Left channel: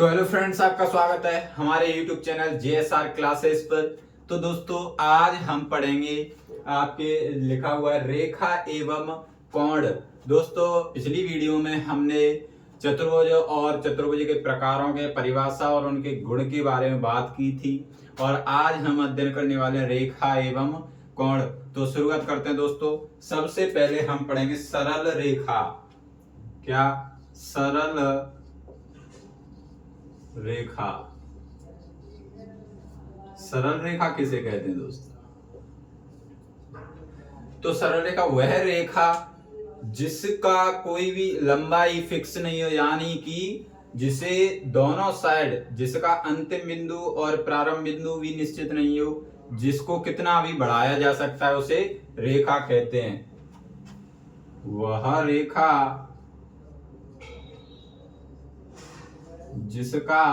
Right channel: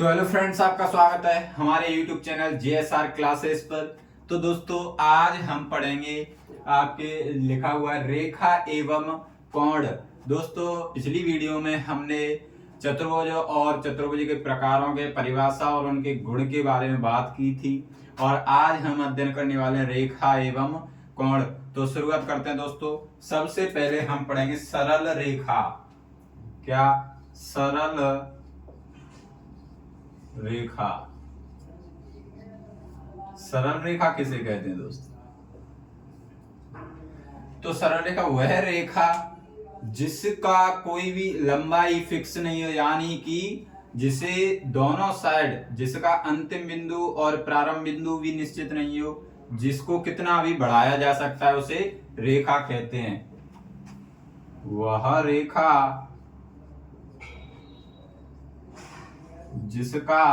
तो hello friends, आपका स्वागत है हमारे YouTube चैनल JSR क्लासेस पर। तो दोस्तों, आज हम पढ़ेंगे आपके लिखा हुआ रेखा एवं कोण। दोस्तों, पिछली वीडियो में हमने चतुर्भुज और चतुर्भुज के प्रकारों के परिभाषा और उनके गुण के बारे में बात की थी, और आज हम अध्ययन करने वाले हैं रेखा एवं कोण। तो शुरुआत करते हैं दोस्तों। सबसे पहले हम पढ़ेंगे सरल रेखा। क्या? सरल रेखा। सरल रेखा किसे कहते हैं दोस्तों? तो सरल रेखा वह रेखा जिसका कोई भी लंबाई फिक्स नहीं हो, यानी कि जिसे दोनों साइड, जिसका अंतिम बिंदु और प्रारंभ बिंदु भी निश्चित नहीं हो, जिसको कितना भी बढ़ाया जा सकता है, उसे रेखा कहते हैं। वह रेखा जिसका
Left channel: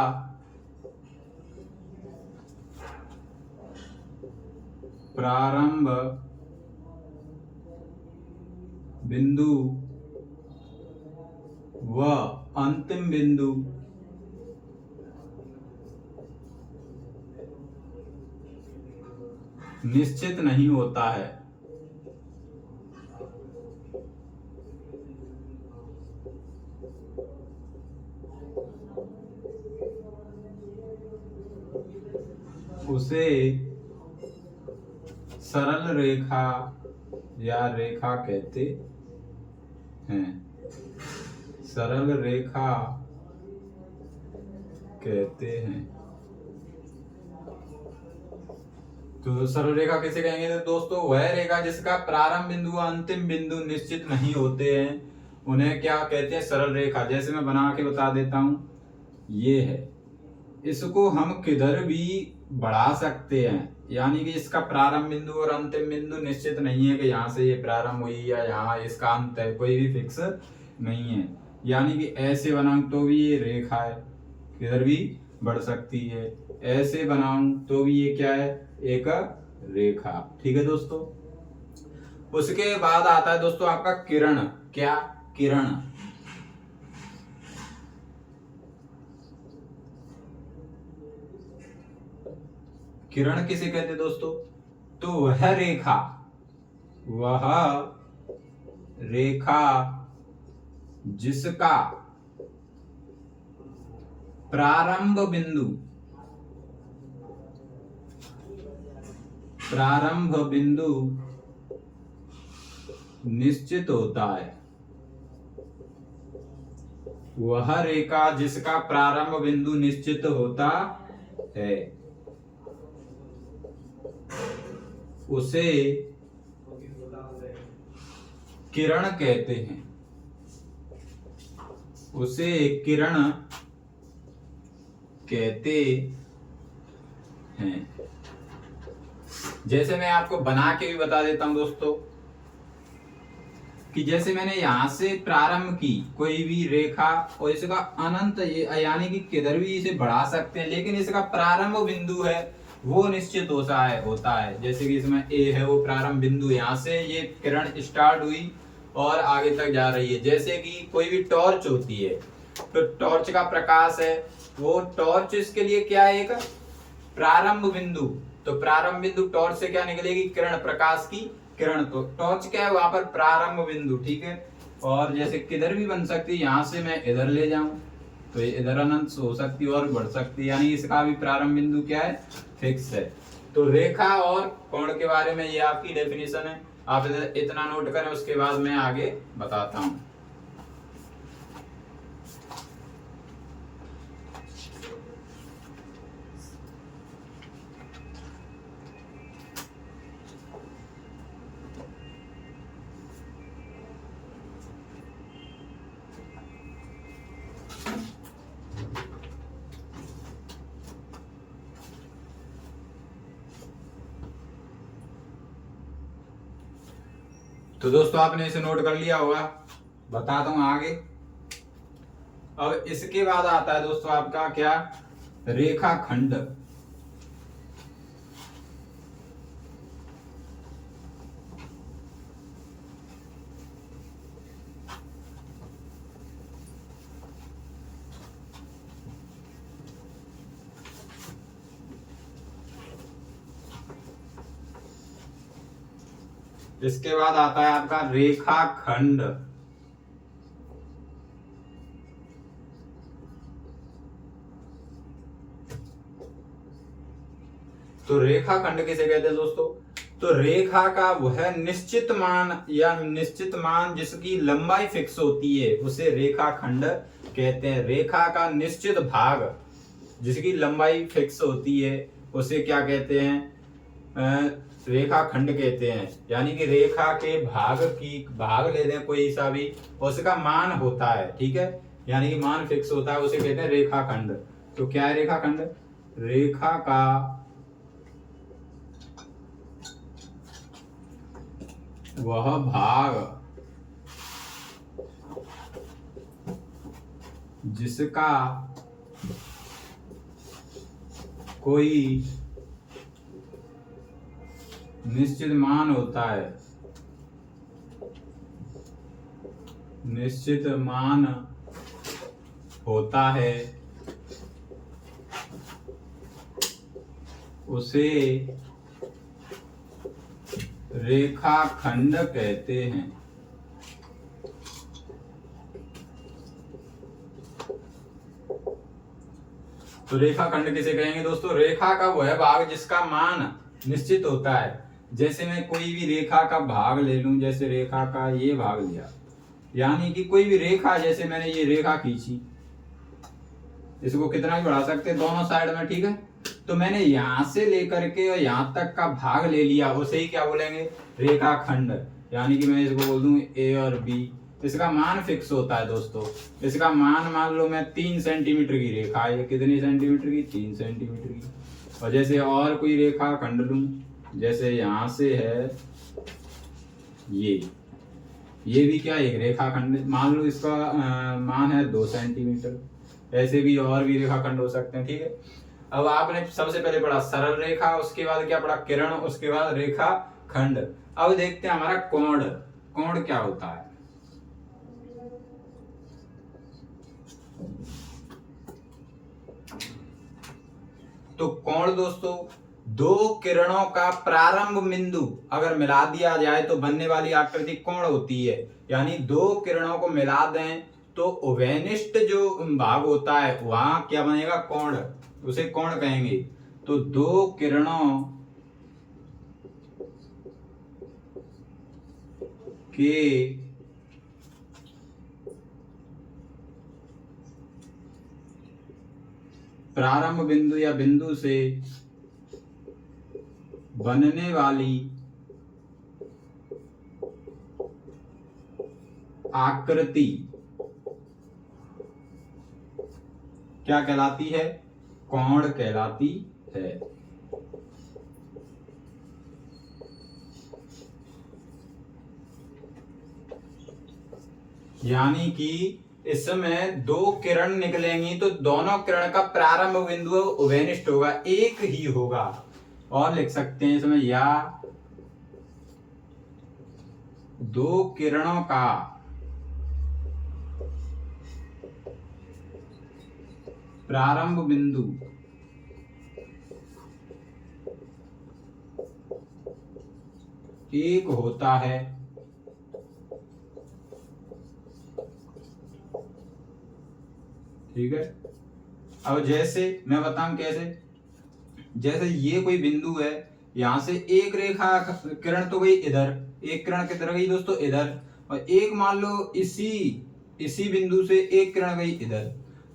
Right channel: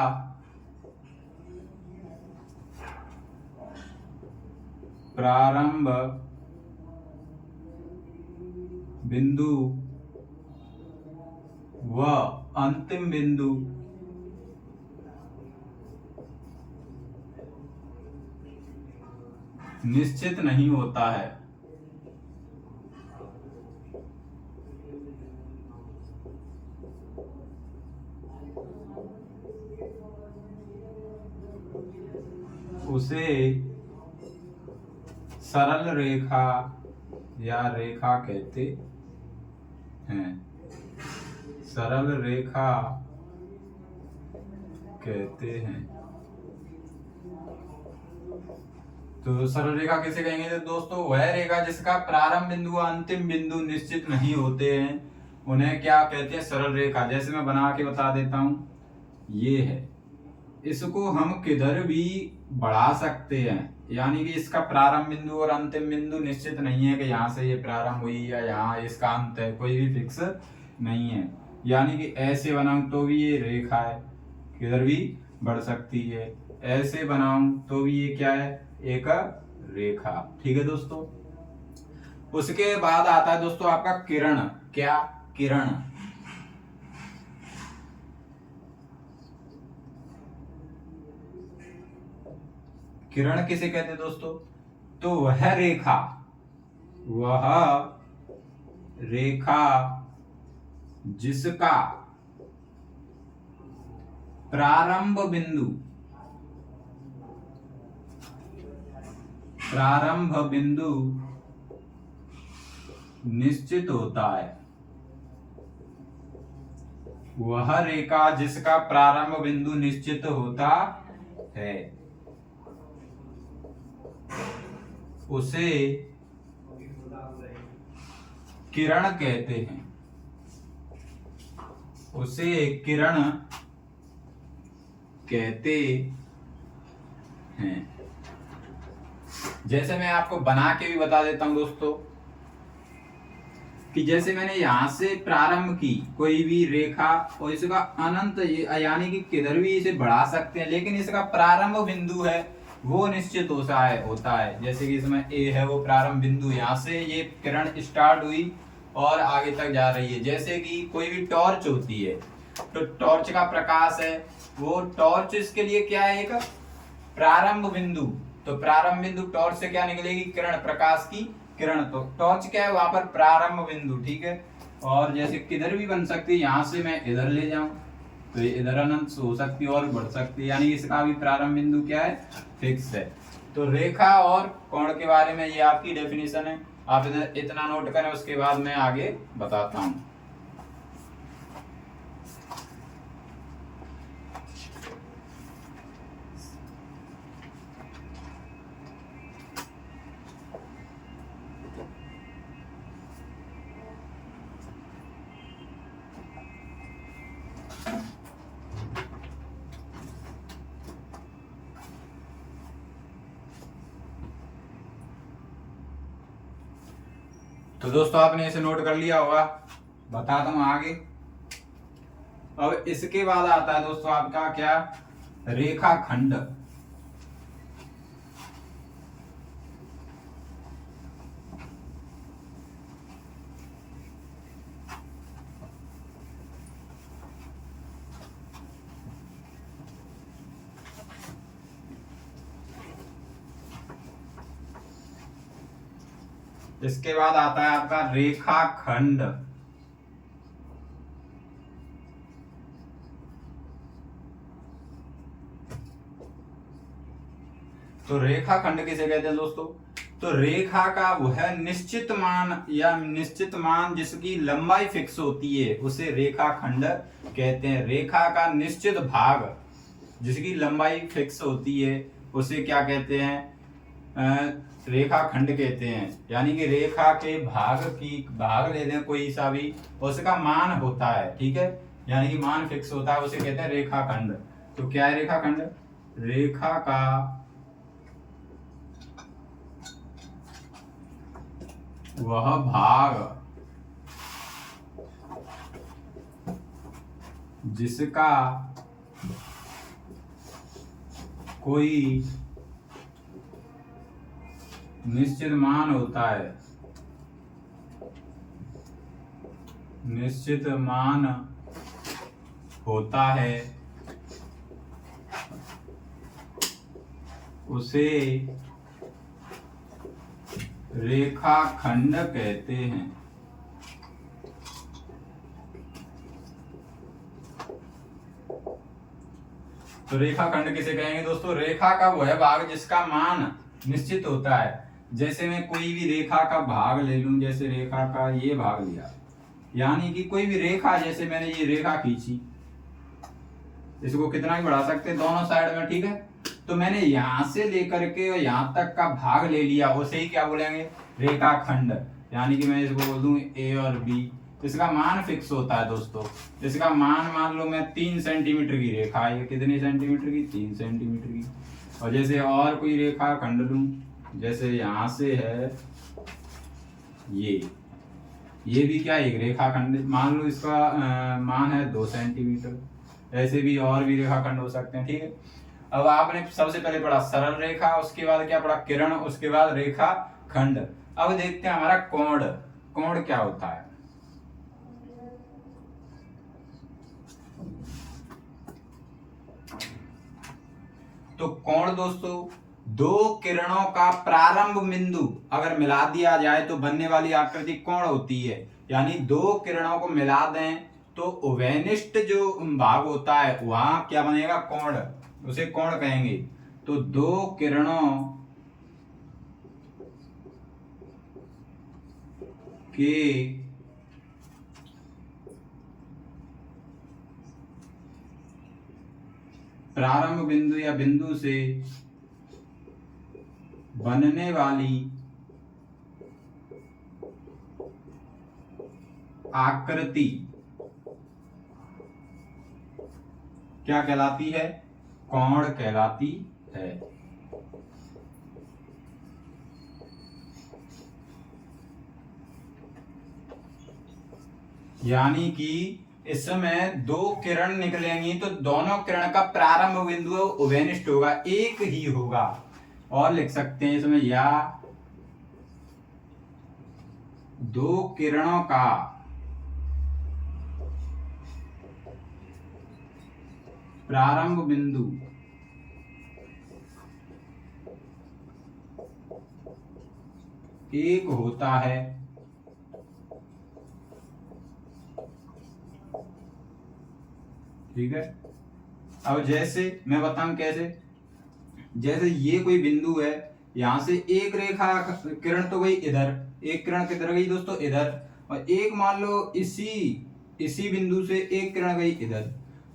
प्रारंभ बिंदु व अंतिम बिंदु निश्चित नहीं होता है, उसे सरल रेखा या रेखा कहते हैं। सरल रेखा कहते हैं। तो सरल रेखा किसे कहेंगे? तो दोस्तों, वह रेखा जिसका प्रारंभ बिंदु व अंतिम बिंदु निश्चित नहीं होते हैं, उन्हें क्या कहते हैं? सरल रेखा। जैसे मैं बना के बता देता हूं, ये है। इसको हम किधर भी बढ़ा सकते हैं, यानी कि इसका प्रारंभ बिंदु और अंतिम बिंदु निश्चित नहीं है कि यहाँ से ये प्रारंभ हुई या यहाँ इसका अंत है, कोई भी फिक्स नहीं है। यानी कि ऐसे बनाऊं तो भी ये रेखा है, किधर भी बढ़ सकती है। ऐसे बनाऊं तो भी ये क्या है? एक रेखा। ठीक है दोस्तों। उसके बाद आता है दोस्तों आपका किरण। क्या? किरण। किरण किसे कहते हैं दोस्तों? तो वह रेखा जिसका प्रारंभ बिंदु निश्चित होता है। वह रेखा जिसका प्रारंभ बिंदु निश्चित होता है, उसे किरण कहते हैं। उसे किरण कहते हैं। जैसे मैं आपको बना के भी बता देता हूं दोस्तों, कि जैसे मैंने यहां से प्रारंभ की कोई भी रेखा, और इसका अनंत, यानी कि किधर भी इसे बढ़ा सकते हैं, लेकिन इसका प्रारंभ बिंदु है वो निश्चित होता है। जैसे कि इसमें ए है, वो प्रारंभ बिंदु, यहाँ से ये किरण स्टार्ट हुई और आगे तक जा रही है। जैसे कि कोई भी टॉर्च होती है, तो टॉर्च का प्रकाश है, वो टॉर्च इसके लिए क्या है? एक प्रारंभ बिंदु। तो प्रारंभ बिंदु टॉर्च से क्या निकलेगी? किरण, प्रकाश की किरण। तो टॉर्च क्या है? वहां पर प्रारंभ बिंदु। ठीक है। और जैसे किधर भी बन सकती है, यहां से मैं इधर ले जाऊं तो ये इधर अनंत हो सकती है और बढ़ सकती है, यानी इसका भी प्रारंभ बिंदु क्या है? फिक्स है। तो रेखा और कोण के बारे में ये आपकी डेफिनेशन है। आप इतना नोट करें, उसके बाद मैं आगे बताता हूं। तो दोस्तों, आपने इसे नोट कर लिया होगा, बताता हूं आगे। अब इसके बाद आता है दोस्तों आपका क्या? रेखाखंड। इसके बाद आता है आपका रेखाखंड। तो रेखाखंड किसे कहते हैं दोस्तों? तो रेखा का वह निश्चित मान या निश्चित मान जिसकी लंबाई फिक्स होती है उसे रेखाखंड कहते हैं। रेखा का निश्चित भाग जिसकी लंबाई फिक्स होती है उसे क्या कहते हैं? रेखाखंड कहते हैं। यानी कि रेखा के भाग लेते हैं कोई सा भी, उसका मान होता है, ठीक है, यानी कि मान फिक्स होता है, उसे कहते हैं रेखाखंड। तो क्या है रेखाखंड? रेखा का वह भाग जिसका कोई निश्चित मान होता है, निश्चित मान होता है, उसे रेखाखंड कहते हैं। तो रेखाखंड किसे कहेंगे दोस्तों? रेखा का वह भाग जिसका मान निश्चित होता है। जैसे मैं कोई भी रेखा का भाग ले लूं, जैसे रेखा का ये भाग लिया, यानी कि कोई भी रेखा, जैसे मैंने ये रेखा खींची, इसको कितना भी बढ़ा सकते हैं दोनों साइड में, ठीक है। तो मैंने यहां से लेकर के और यहां तक का भाग ले लिया, उसे ही क्या बोलेंगे? रेखाखंड। यानी कि मैं इसको बोल दूं ए और बी। इसका मान फिक्स होता है दोस्तों। इसका मान लो मैं 3 सेंटीमीटर की रेखा है, कितनी सेंटीमीटर की? 3 सेंटीमीटर की। और जैसे और कोई रेखा खंड लूं, जैसे यहां से है ये भी क्या एक रेखाखंड, मान लो इसका मान है 2 सेंटीमीटर। ऐसे भी और भी रेखाखंड हो सकते हैं, ठीक है। अब आपने सबसे पहले पढ़ा सरल रेखा, उसके बाद क्या पढ़ा? किरण, उसके बाद रेखा खंड। अब देखते हैं हमारा कोण। कोण क्या होता है? तो कोण दोस्तों, दो किरणों का प्रारंभ बिंदु अगर मिला दिया जाए तो बनने वाली आकृति कोण होती है। यानी दो किरणों को मिला दें तो उभयनिष्ठ जो भाग होता है वहां क्या बनेगा? कोण, उसे कोण कहेंगे। तो दो किरणों के प्रारंभ बिंदु या बिंदु से बनने वाली आकृति क्या कहलाती है? कोण कहलाती है। यानी कि इसमें दो किरण निकलेंगी तो दोनों किरण का प्रारंभ बिंदु उभयनिष्ठ होगा, एक ही होगा। और लिख सकते हैं इसमें, या दो किरणों का प्रारंभ बिंदु एक होता है, ठीक है। अब जैसे मैं बताऊं कैसे, जैसे ये कोई बिंदु है, यहां से एक रेखा किरण तो गई इधर, एक किरण किधर गई दोस्तों? इधर। और एक मान लो इसी बिंदु से एक किरण गई इधर।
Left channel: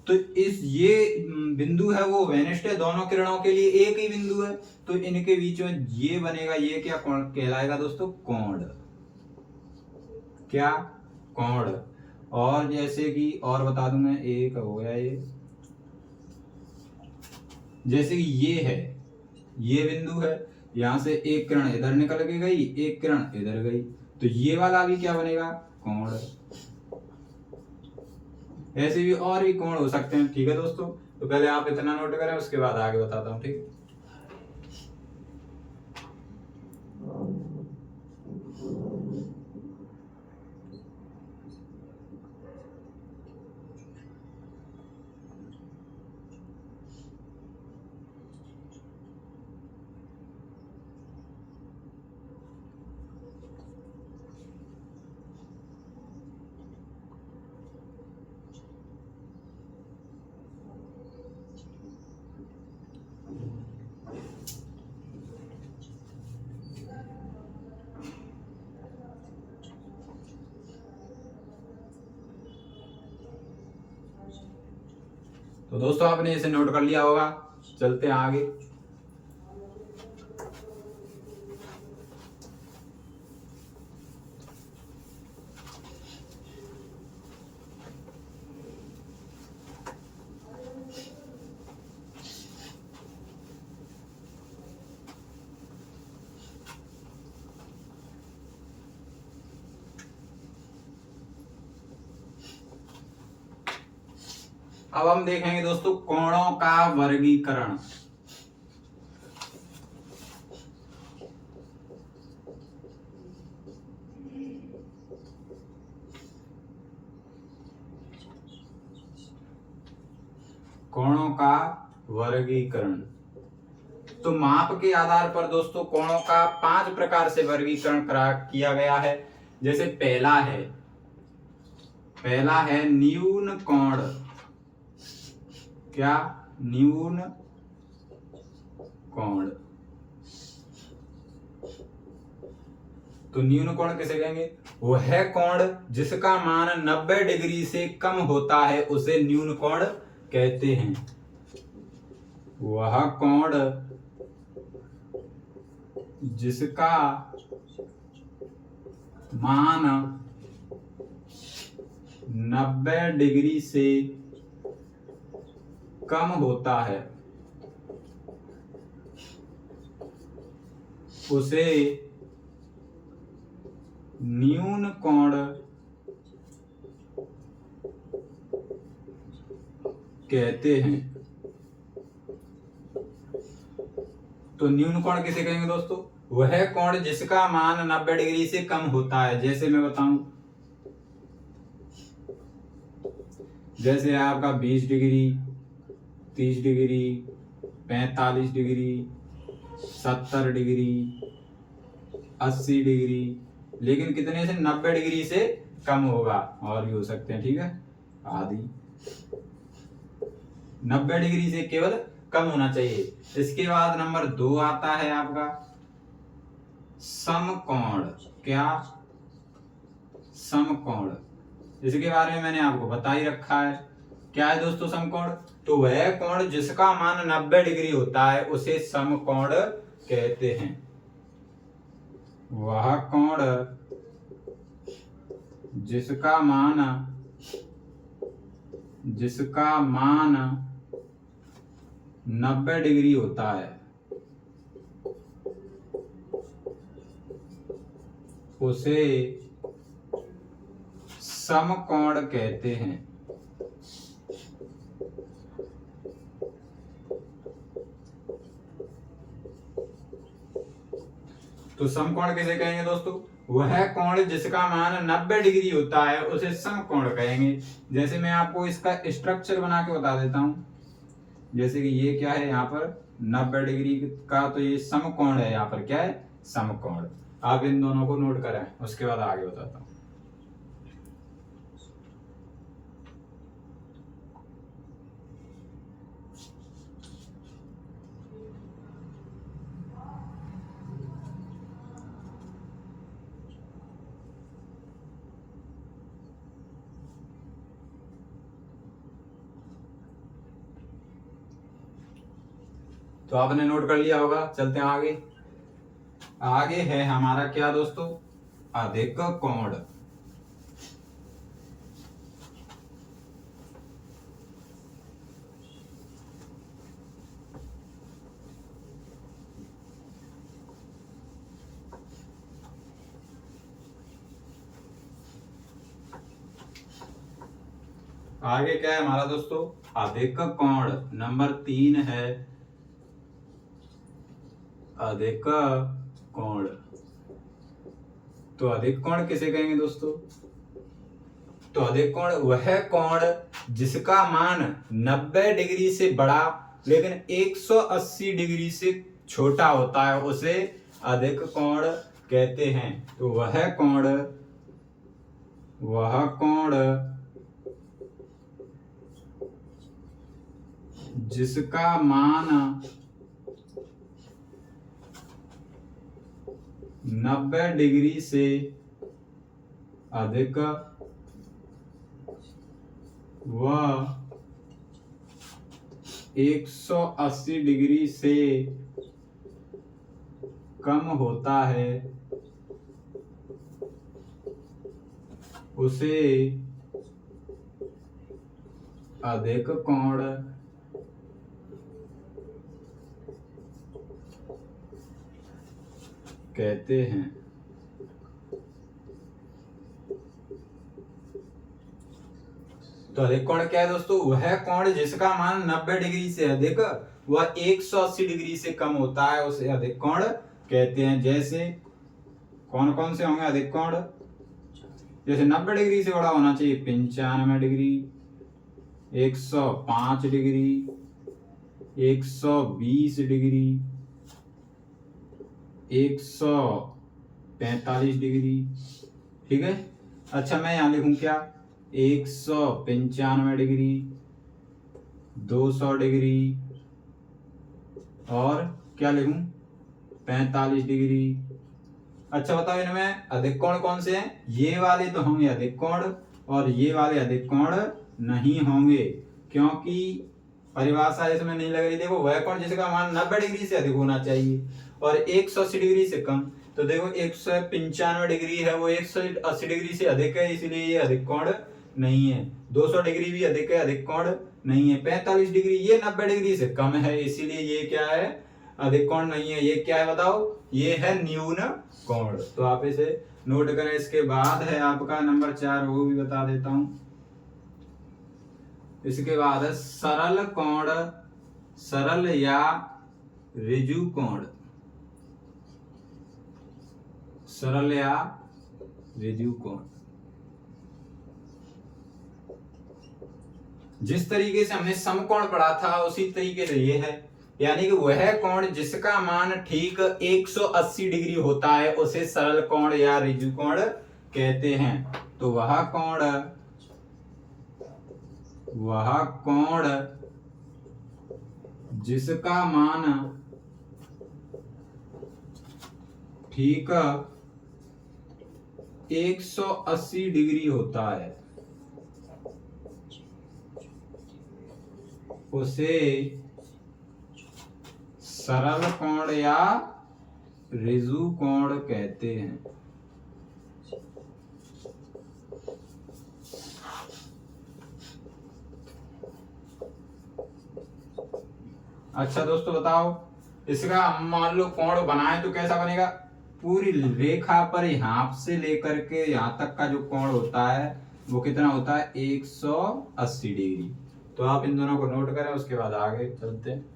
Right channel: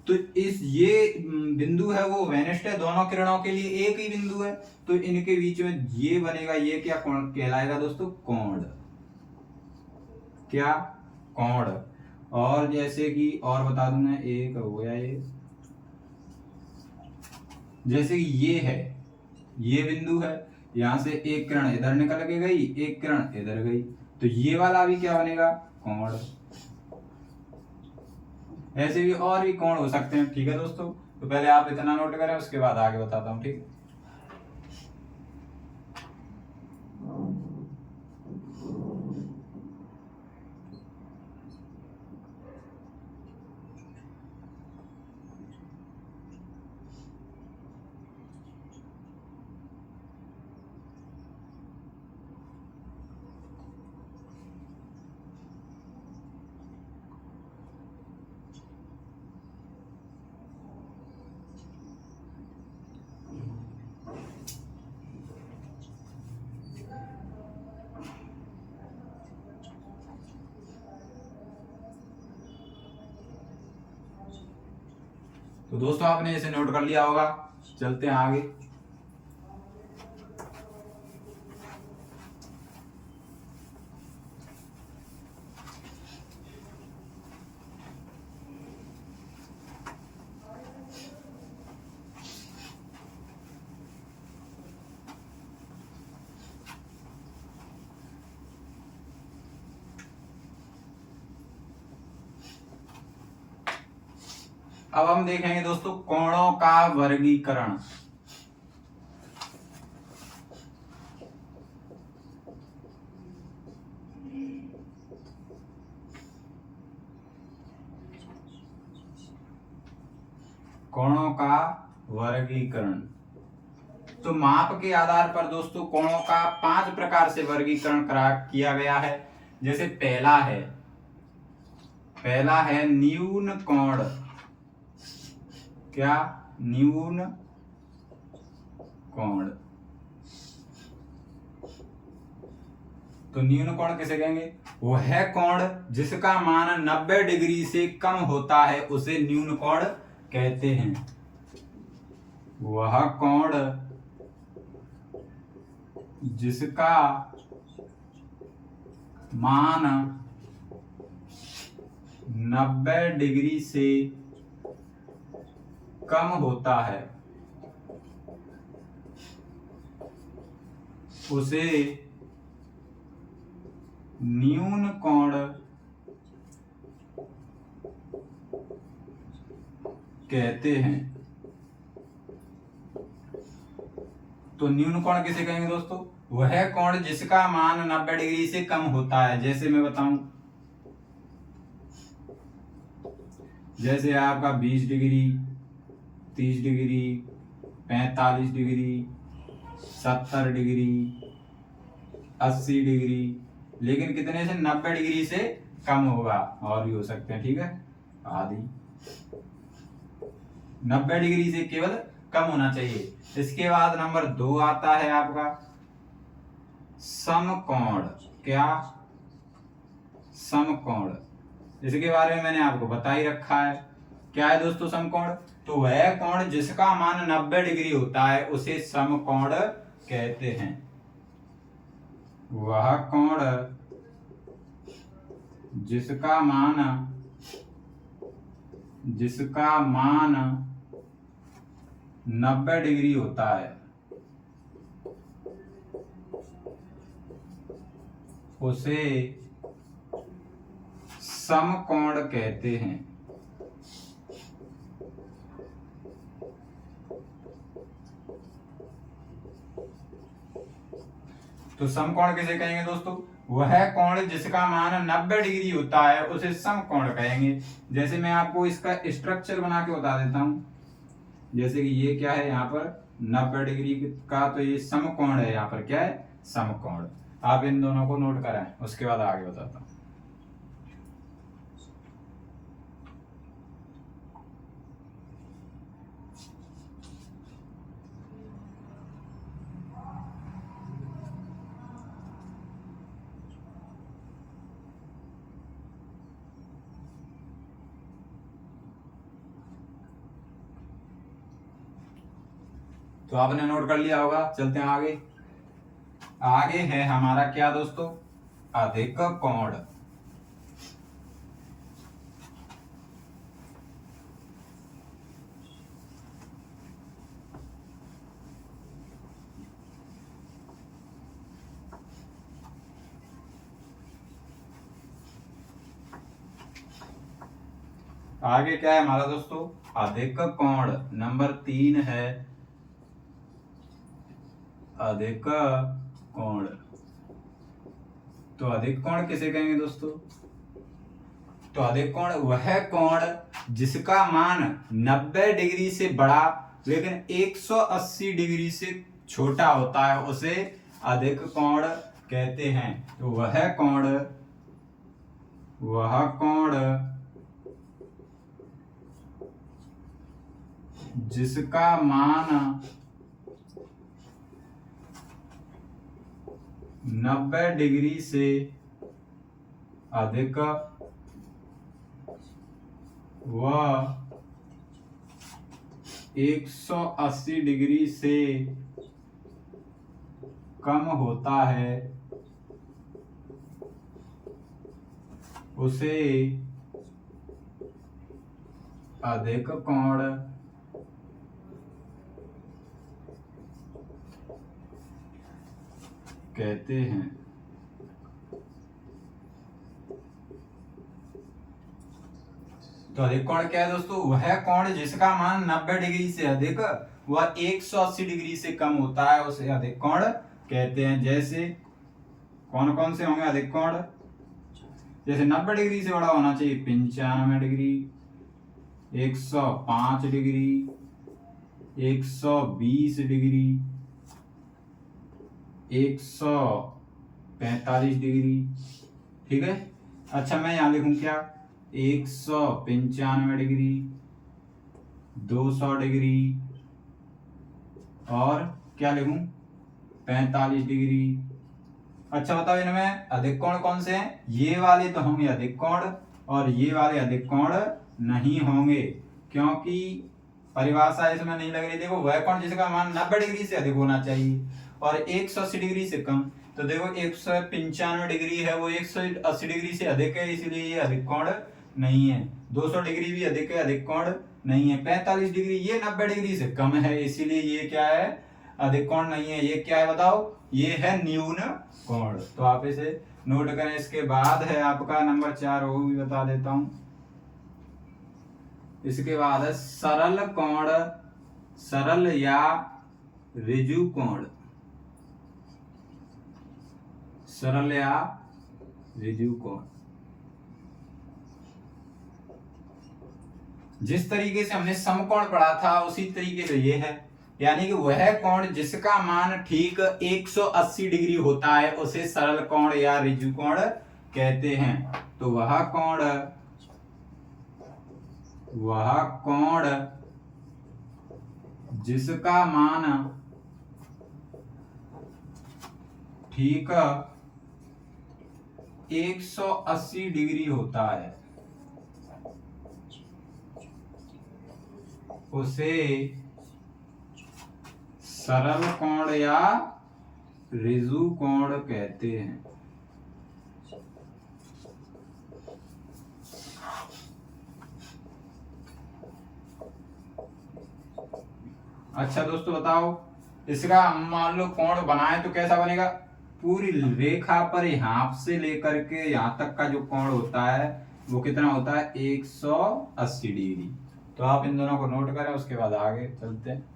तो ये बिंदु है वो वेनिस्ट है, दोनों किरणों के लिए एक ही बिंदु है, तो इनके बीच में ये बनेगा, ये क्या कोण कहलाएगा दोस्तों? कोण। क्या? कोण। और जैसे कि और बता दूं मैं, एक हो गया ये, जैसे कि ये है, ये बिंदु है, यहां से एक किरण इधर निकल के गई, एक किरण इधर गई, तो ये वाला भी क्या बनेगा? कोण। ऐसे भी और भी कोण हो सकते हैं, ठीक है दोस्तों। तो पहले आप इतना नोट करें, उसके बाद आगे बताता हूं, ठीक है। तो दोस्तों आपने इसे नोट कर लिया होगा, चलते हैं आगे। अब हम देखेंगे दोस्तों कोणों का वर्गीकरण। कोणों का वर्गीकरण, तो माप के आधार पर दोस्तों कोणों का 5 प्रकार से वर्गीकरण किया गया है। जैसे पहला है न्यून कोण। क्या? न्यून कोण। तो न्यून कोण किसे कहेंगे? वह कोण जिसका मान 90 डिग्री से कम होता है उसे न्यून कोण कहते हैं। वह कोण जिसका मान 90 डिग्री से कम होता है उसे न्यून कोण कहते हैं। तो न्यून कोण किसे कहेंगे दोस्तों? वह कोण जिसका मान 90 डिग्री से कम होता है। जैसे मैं बताऊं, जैसे है आपका 20 degree, 30 degree, 45 degree, 70 degree, 80 degree, लेकिन कितने से? 90 डिग्री से कम होगा। और भी हो सकते हैं, ठीक है, आदि 90 डिग्री से केवल कम होना चाहिए। इसके बाद नंबर 2 आता है आपका समकोण। क्या? समकोण। इसके बारे में मैंने आपको बता ही रखा है। क्या है दोस्तों समकोण? तो वह कोण जिसका मान 90 डिग्री होता है उसे समकोण कहते हैं। वह कोण जिसका मान 90 डिग्री होता है उसे समकोण कहते हैं। तो समकोण किसे कहेंगे दोस्तों? वह कोण जिसका मान 90 डिग्री होता है उसे समकोण कहेंगे। जैसे मैं आपको इसका स्ट्रक्चर बना के बता देता हूं। जैसे कि ये क्या है, यहाँ पर 90 डिग्री का, तो ये समकोण है। यहाँ पर क्या है? समकोण। आप इन दोनों को नोट करें, उसके बाद आगे बताता हूं। तो आपने नोट कर लिया होगा, चलते हैं आगे। आगे है हमारा क्या दोस्तों? अधिक कोण। आगे क्या है हमारा दोस्तों? अधिक कोण। नंबर 3 है अधिक कोण। तो अधिक कोण किसे कहेंगे दोस्तों? तो अधिक कोण वह कोण जिसका मान 90 डिग्री से बड़ा लेकिन 180 डिग्री से छोटा होता है उसे अधिक कोण कहते हैं। तो वह कोण जिसका मान 90 डिग्री से अधिक व 180 डिग्री से कम होता है उसे अधिक कोण कहते हैं। तो अधिक कोण क्या है दोस्तों? वह कोण जिसका मान 90 डिग्री से अधिक व 180 डिग्री से कम होता है उसे अधिक कोण कहते हैं। जैसे कौन कौन से होंगे अधिक कोण? जैसे 90 डिग्री से बड़ा होना चाहिए 95 डिग्री, 105 डिग्री, 120 डिग्री, 145 डिग्री। ठीक है। अच्छा मैं यहां लिखूं क्या? 195 डिग्री, 200 डिग्री और क्या लिखूं? 45 डिग्री। अच्छा बताओ इनमें अधिक कोण कौन से हैं? ये वाले तो होंगे अधिक कोण और ये वाले अधिक कोण नहीं होंगे, क्योंकि परिभाषा इसमें नहीं लग रही। देखो वह कोण जिसका मान 90 डिग्री से अधिक होना चाहिए और 180 डिग्री से कम। तो देखो 195 डिग्री है वो 180 डिग्री से अधिक है, इसलिए ये अधिक कोण नहीं है। 200 डिग्री भी अधिक है, अधिक कोण नहीं है। 45 डिग्री ये 90 डिग्री से कम है, इसीलिए ये क्या है? अधिक कोण नहीं है। ये क्या है बताओ? ये है न्यून कोण। तो आप इसे नोट करें। इसके बाद है आपका नंबर 4, वो भी बता देता हूं। इसके बाद है सरल कोण, सरल या ऋजु कोण। सरल या ऋजु कोण जिस तरीके से हमने समकोण पढ़ा था उसी तरीके से ये है, यानी कि वह कोण जिसका मान ठीक 180 डिग्री होता है उसे सरल कोण या ऋजु कोण कहते हैं। तो वह कोण जिसका मान ठीक 180 डिग्री होता है उसे सरल कोण या ऋजु कोण कहते हैं। अच्छा दोस्तों बताओ, इसका हम मान लो कोण बनाए तो कैसा बनेगा? पूरी रेखा पर यहां से लेकर के यहां तक का जो कोण होता है वो कितना होता है? 180 डिग्री। तो आप इन दोनों को नोट करें, उसके बाद आगे चलते हैं।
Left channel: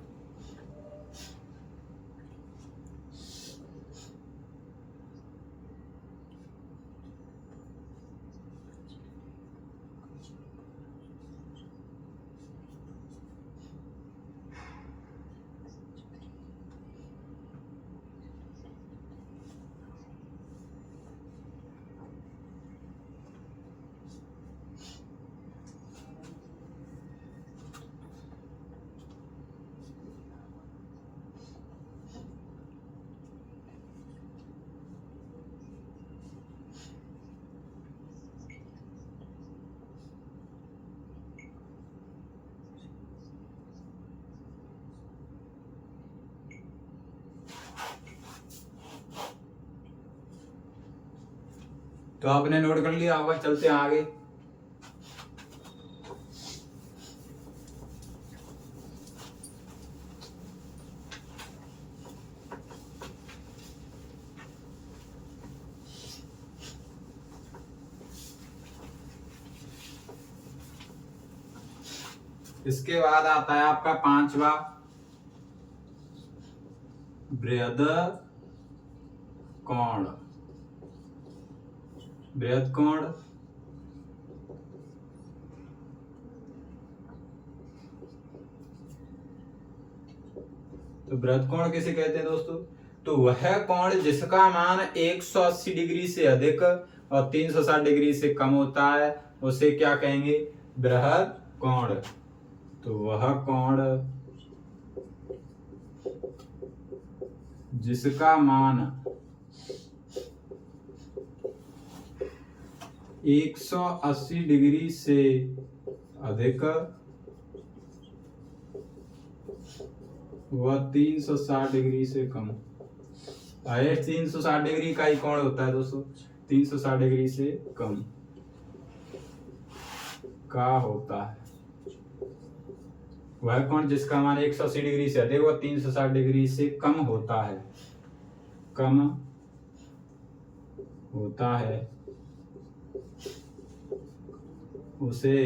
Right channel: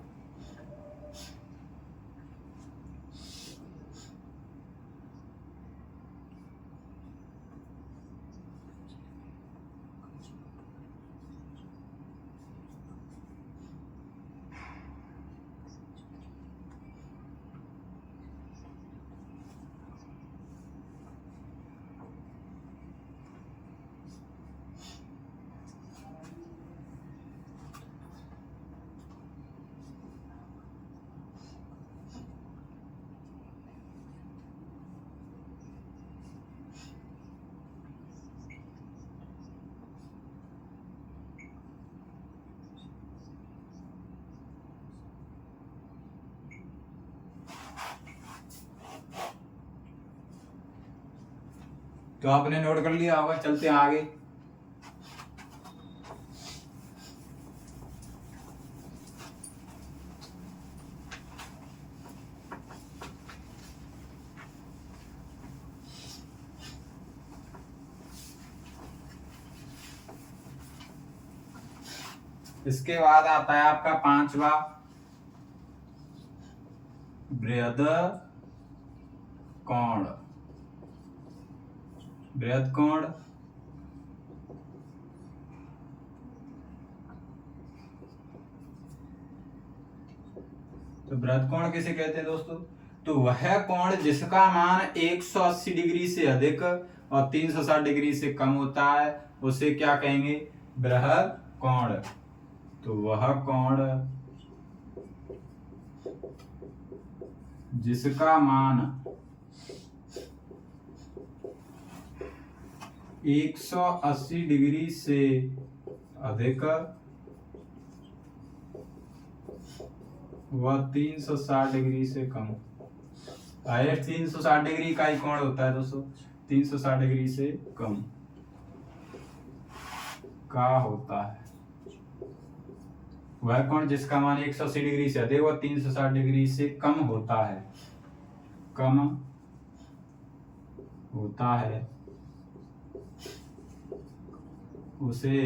तो आपने नोट कर लिया होगा, चलते हैं आगे। इसके बाद आता है आपका 5वां बृहद कोण। बृहद कोण तो बृहद कोण किसे कहते हैं दोस्तों? तो वह कोण जिसका मान 180 डिग्री से अधिक और 360 डिग्री से कम होता है उसे क्या कहेंगे? बृहद कोण। तो वह कोण जिसका मान 180 डिग्री से अधिक वह 360 डिग्री से कम। हाईएस्ट 360 डिग्री का ही कोण होता है दोस्तों, 360 डिग्री से कम का होता है। वह कोण जिसका मान 180 डिग्री से अधिक व 360 डिग्री से कम होता है, कम होता है, उसे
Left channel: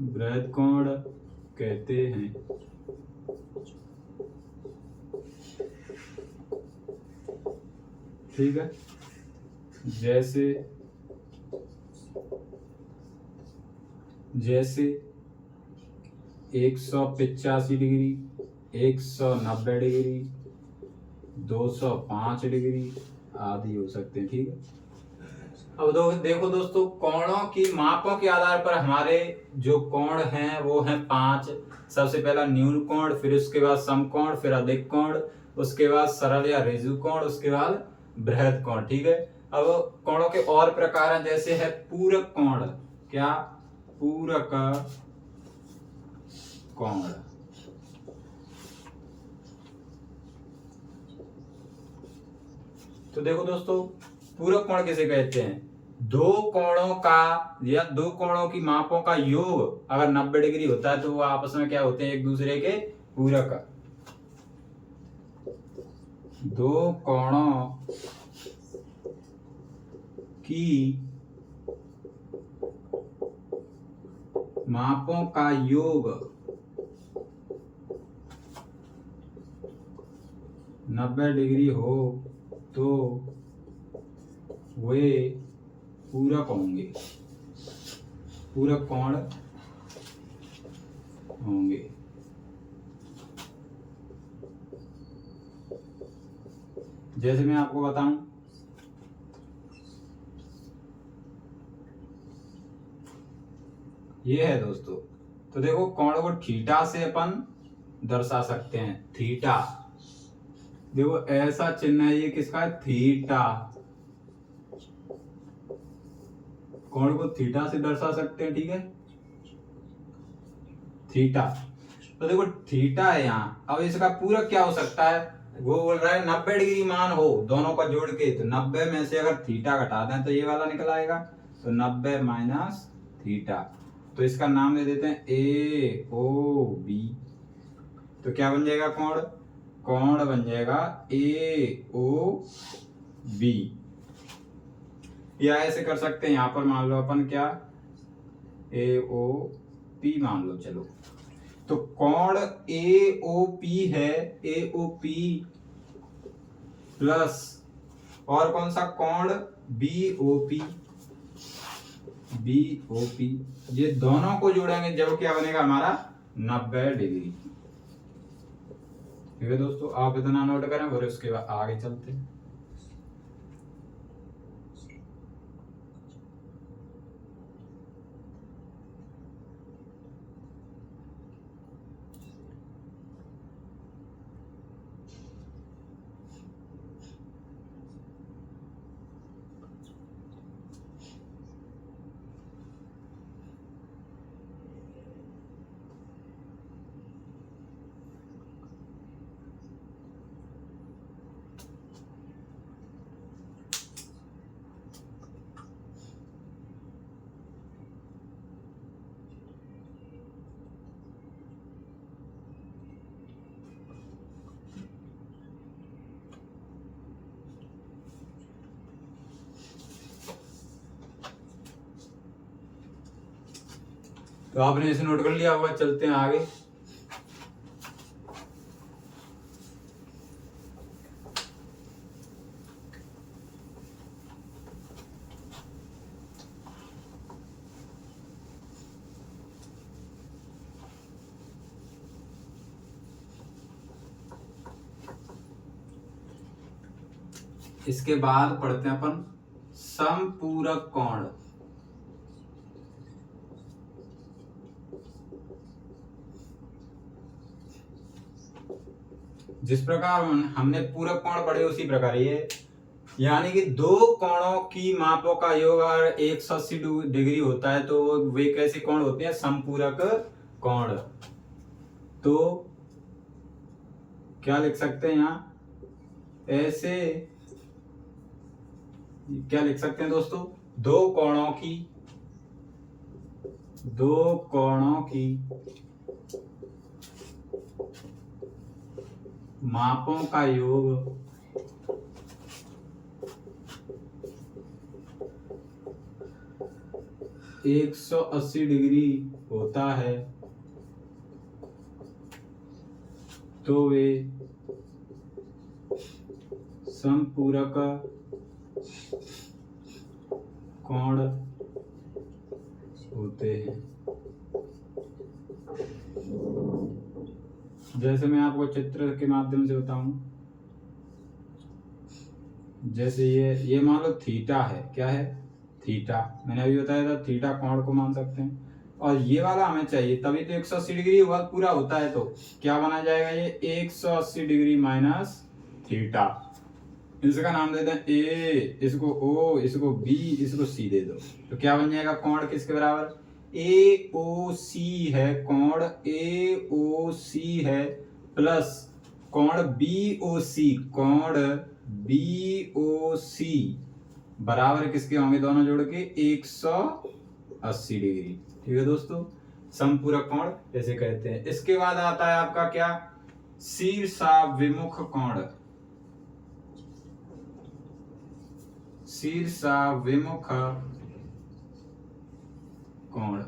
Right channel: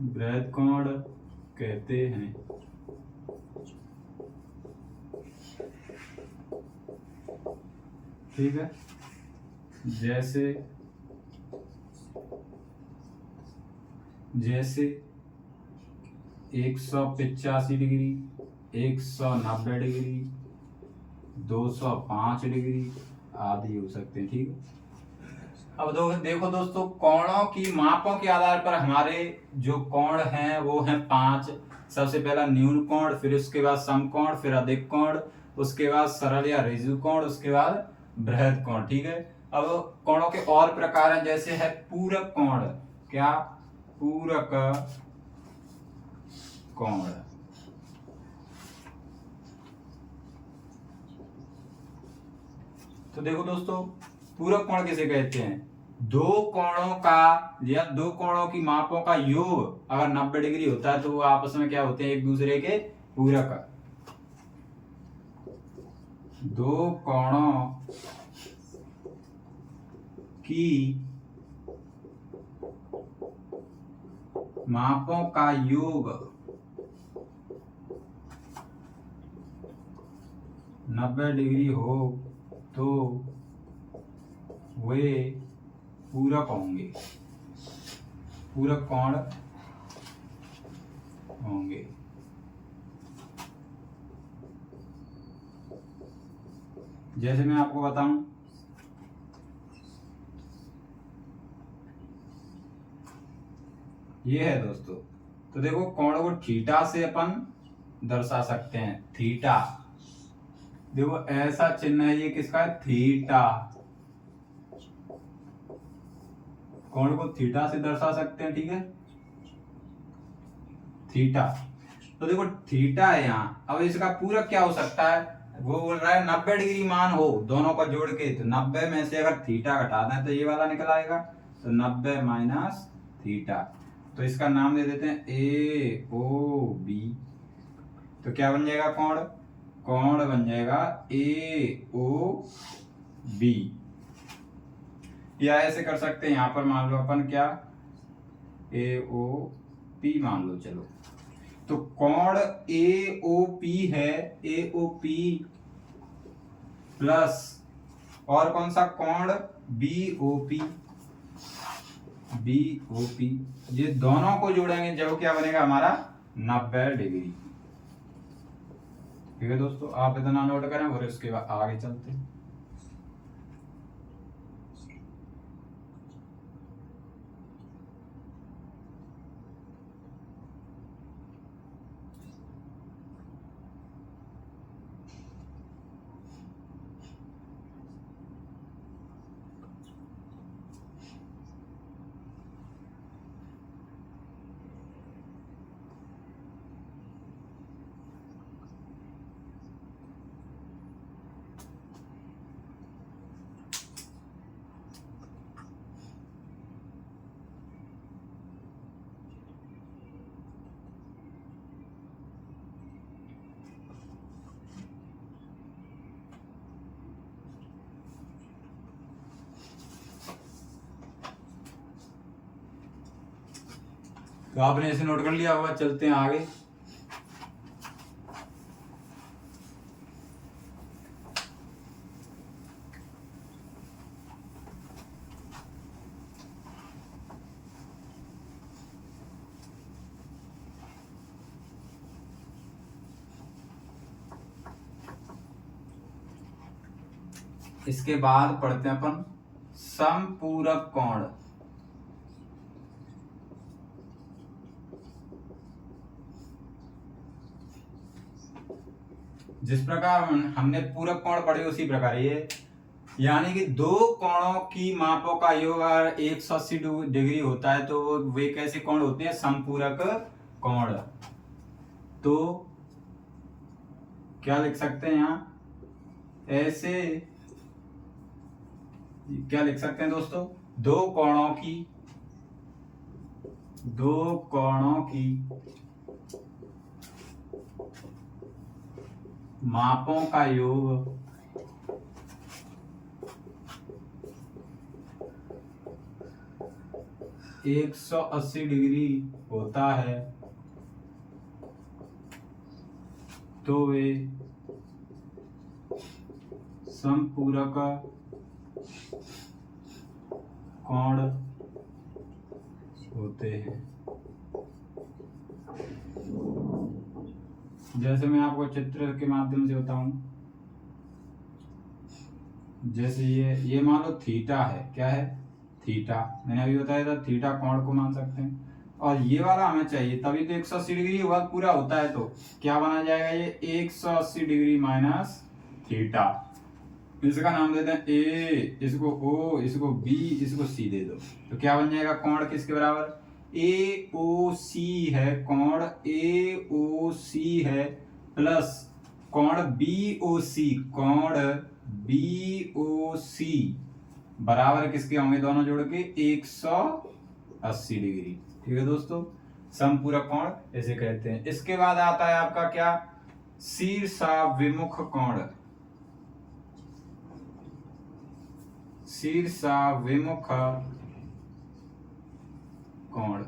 बृहद कोण कहते हैं। ठीक है, जैसे 185 डिग्री, 190 डिग्री, 205 डिग्री आदि हो सकते हैं। ठीक है, अब देखो दोस्तों, कोणों की मापों के आधार पर हमारे जो कोण हैं वो हैं 5। सबसे पहला न्यून कोण, फिर उसके बाद समकोण, फिर अधिक कोण, उसके बाद सरल या ऋजु कोण, उसके बाद बृहद कोण। ठीक है, अब कोणों के और प्रकार हैं, जैसे है पूरक कोण। क्या? पूरक कोण। तो देखो दोस्तों, पूरक कोण किसे कहते हैं? दो कोणों का या दो कोणों की मापों का योग अगर 90 डिग्री होता है तो वो आपस में क्या होते हैं? एक दूसरे के पूरक। दो कोणों की मापों का योग 90 डिग्री हो तो वे पूरक होंगे, पूरक कोण होंगे। जैसे मैं आपको बताऊं, ये है दोस्तों, तो देखो कोण को थीटा से अपन दर्शा सकते हैं। थीटा, देखो ऐसा चिन्ह है, ये किसका है? थीटा। कोण को थीटा से दर्शा सकते हैं। ठीक है, थीटा। तो देखो थीटा है यहाँ, अब इसका पूरक क्या हो सकता है? वो बोल रहा है 90 डिग्री मान हो दोनों का जोड़ के, तो 90 में से अगर थीटा घटा दें तो ये वाला निकल आएगा, तो 90 माइनस थीटा। तो इसका नाम दे देते हैं ए ओ बी। तो क्या बन जाएगा? कोण, कोण बन जाएगा ए ओ बी। या ऐसे कर सकते हैं, यहां पर मान लो अपन क्या, ए ओ पी मान लो। चलो, तो कोण ए ओ पी है, ए ओ पी प्लस और कौन सा कोण? B O P, B O P. ये दोनों को जोड़ेंगे जब क्या बनेगा हमारा? 90 डिग्री। ठीक है दोस्तों, आप इतना नोट करें और उसके बाद आगे चलते हैं। तो आपने इसे नोट कर लिया होगा, चलते हैं आगे। इसके बाद पढ़ते हैं अपन समपूरक कोण। जिस प्रकार हमने पूरक कोण पढ़े उसी प्रकार ये, यानी कि दो कोणों की मापों का योग अगर 180 डिग्री होता है तो वे कैसे कोण होते हैं? समपूरक कोण। तो क्या लिख सकते हैं यहाँ, ऐसे क्या लिख सकते हैं दोस्तों, दो कोणों की मापों का योग 180 डिग्री होता है तो वे समपूरक कोण होते हैं। जैसे मैं आपको चित्र के माध्यम से बताऊं, जैसे ये मान लो थीटा है, क्या है, थीटा, मैंने अभी बताया था थीटा कोण को मान सकते हैं, और ये वाला हमें चाहिए, तभी तो 180 डिग्री पूरा होता है, तो क्या बना जाएगा ये 180 डिग्री माइनस थीटा। इसका नाम देते हैं ए, इसको ओ, इसको बी, इसको सी दे दो, तो क्या बन जाएगा, कोण किसके बराबर, ए ओ सी है, कोण ए ओ सी है प्लस कोण बी ओ सी, कोण बी ओ सी बराबर किसके होंगे, दोनों जोड़ के 180 डिग्री। ठीक है दोस्तों, समपूरक कोण ऐसे कहते हैं। इसके बाद आता है आपका क्या, शीर्षाभिमुख कोण। शीर्षाभिमुख कोण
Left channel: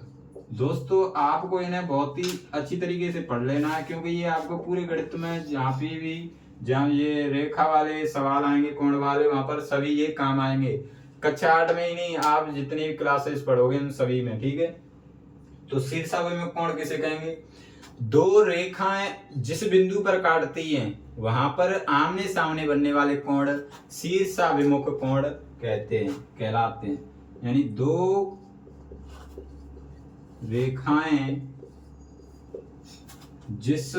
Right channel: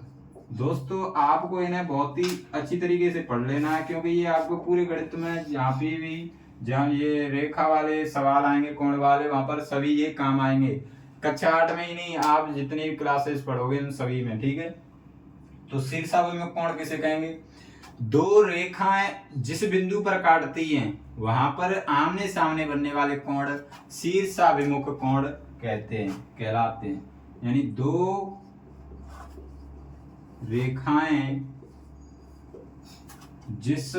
दोस्तों आपको इन्हें बहुत ही अच्छी तरीके से पढ़ लेना है, क्योंकि ये आपको पूरे गणित में जहाँ ये रेखा वाले सवाल आएंगे, कोण वाले, वहां पर सभी ये काम आएंगे। कक्षा 8 में ही नहीं, आप जितनी भी क्लासेस पढ़ोगे उन सभी में। ठीक है, तो शीर्षाभिमुख कोण किसे कहेंगे, दो रेखाएं जिस बिंदु पर काटती हैं वहां पर आमने सामने बनने वाले कोण शीर्षाभिमुख कोण कहलाते हैं। यानी दो रेखाएं जिस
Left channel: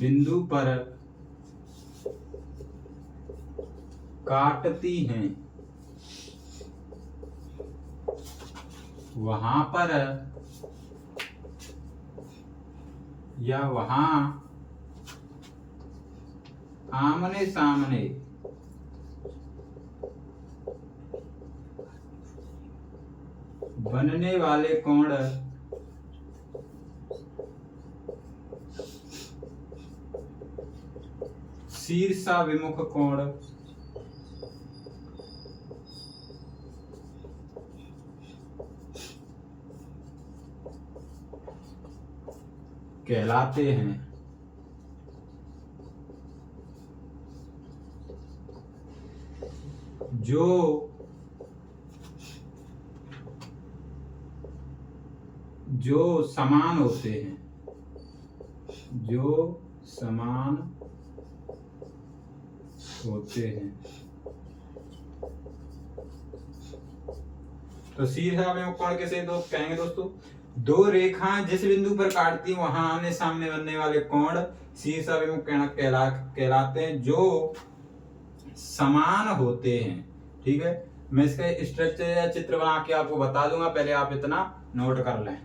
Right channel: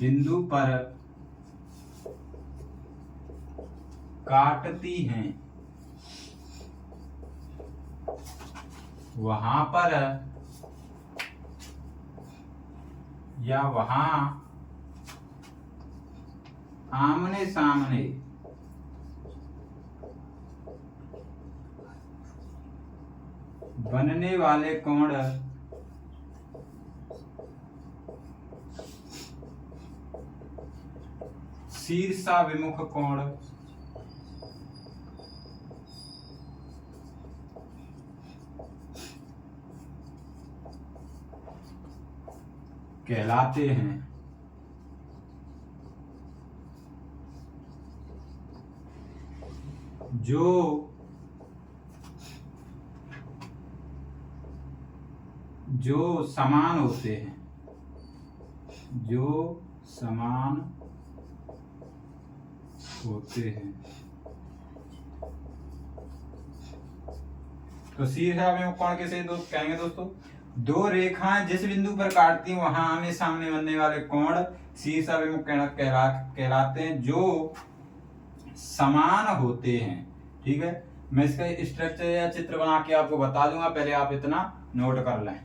बिंदु पर काटती हैं वहां पर या वहां आमने सामने बनने वाले कोण शीर्षाभिमुख कोण कहलाते हैं। जो समान होते हैं, तो शीर्षाभिमुख कोण किसे कहेंगे दोस्तों, दो रेखाएं जिस बिंदु पर काटती हैं वहां आमने सामने बनने वाले कोण शीर्षाभिमुख कहलाते हैं, जो समान होते हैं। ठीक है, मैं इसका स्ट्रक्चर या चित्र बना के आपको बता दूंगा, पहले आप इतना नोट कर लें।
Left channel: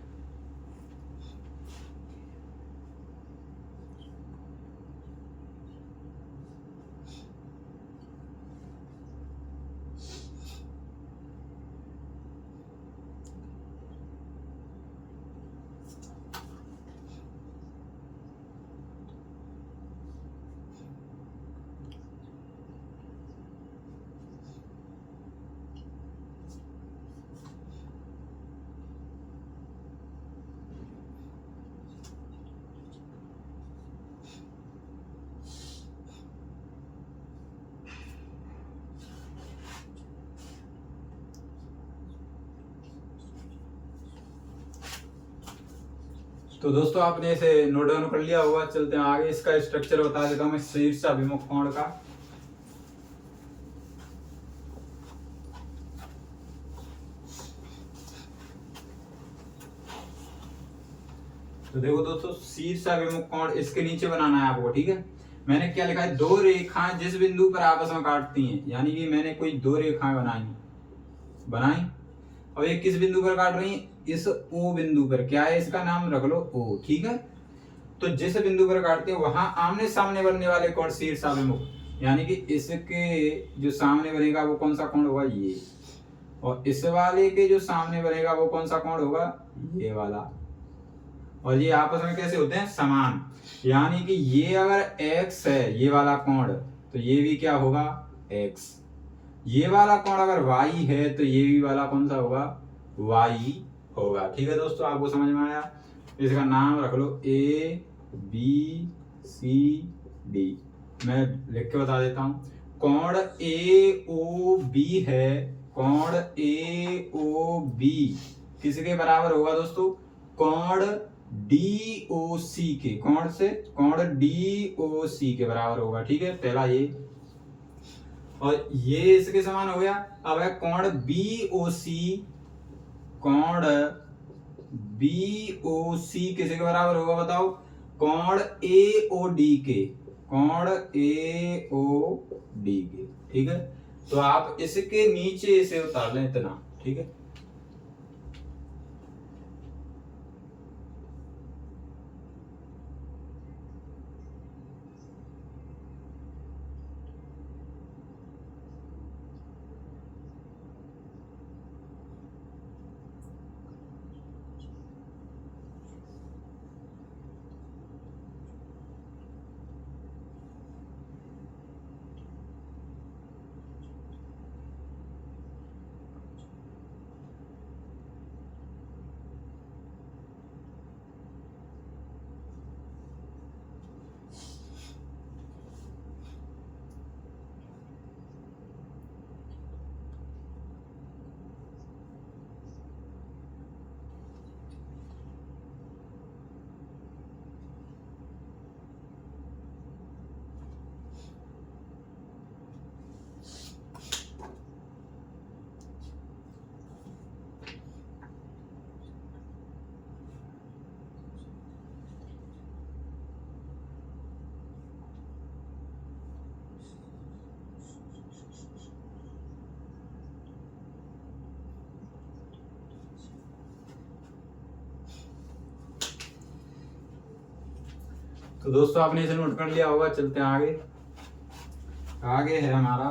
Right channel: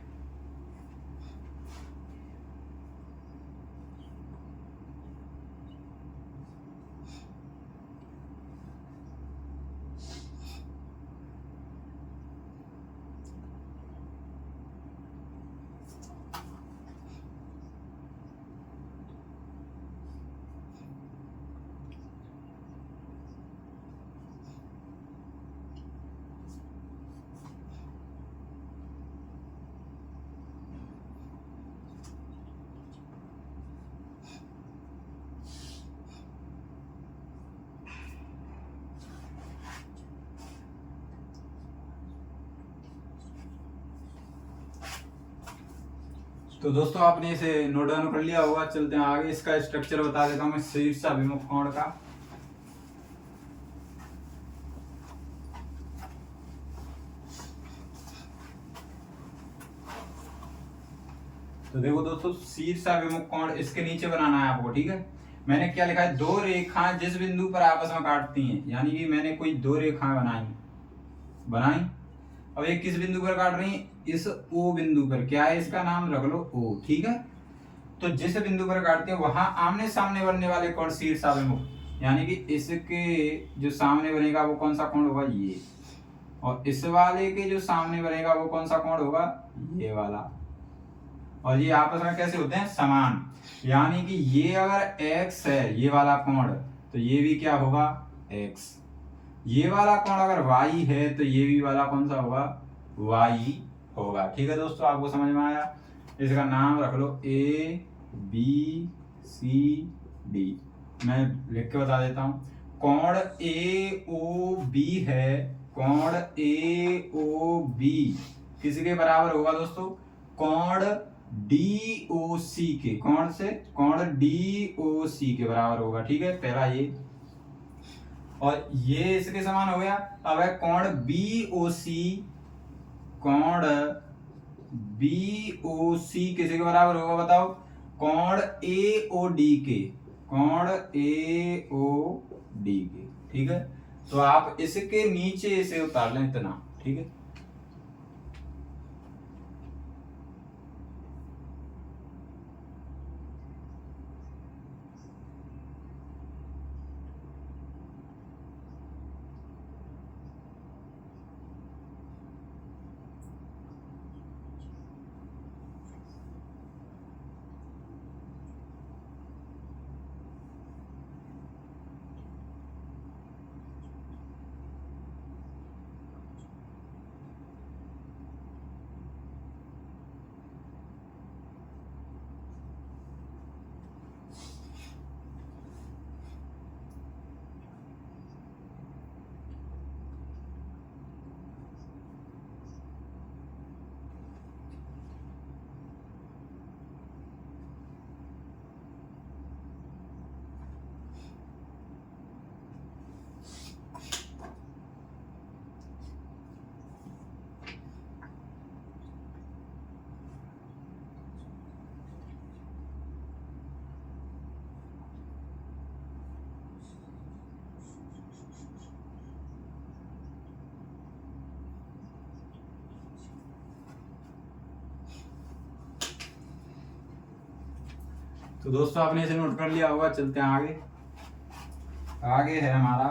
तो दोस्तों आपने इसे नोट डाउन कर लिया होगा, चलते हैं आगे। इसका स्ट्रक्चर बता देता हूं मैं शीर्षाभिमुख कोण का। तो देखो दोस्तों, शीर्षाभिमुख कोण इसके नीचे बनाना है आपको। ठीक है, मैंने क्या लिखा है, दो रेखाएं जिस बिंदु पर आपस में काटती हैं, यानी कि मैंने कोई दो रेखाएं बनाई, अब ये किस बिंदु पर काट रही है? इस ओ बिंदु पर। क्या है इसका नाम? रख लो ओ। ठीक है, तो जिस बिंदु पर काटते हो वहां आमने सामने बनने वाले कोण शीर्षाभिमुख, यानी कि इसके जो सामने बनेगा वो कौन सा कोण होगा? ये। और इस वाले के जो सामने बनेगा वो कौन सा कोण होगा? ये वाला। और ये आपस में कैसे होते हैं? समान। यानी कि ये अगर x है, ये वाला कोण, तो ये भी क्या होगा? x। ये वाला कोण अगर y है तो ये भी वाला कौन सा होगा? y होगा। ठीक है दोस्तों, आपको समझ में आया? इसका नाम रख लो A B C D। मैं लिख के बता देता हूं। कोण AOB है, कोण AOB किसके बराबर होगा दोस्तों? कोण DOC के, कोण से कोण DOC के बराबर होगा। ठीक है, पहला ये, और ये इसके समान हो गया। अब है कोण BOC, कोण BOC किसके बराबर होगा बताओ? कोण AOD के, कोण AOD के। ठीक है, तो आप इसके नीचे इसे उतार लें इतना। ठीक है, तो दोस्तों आपने इसे नोट कर लिया होगा। चलते हैं आगे। आगे है हमारा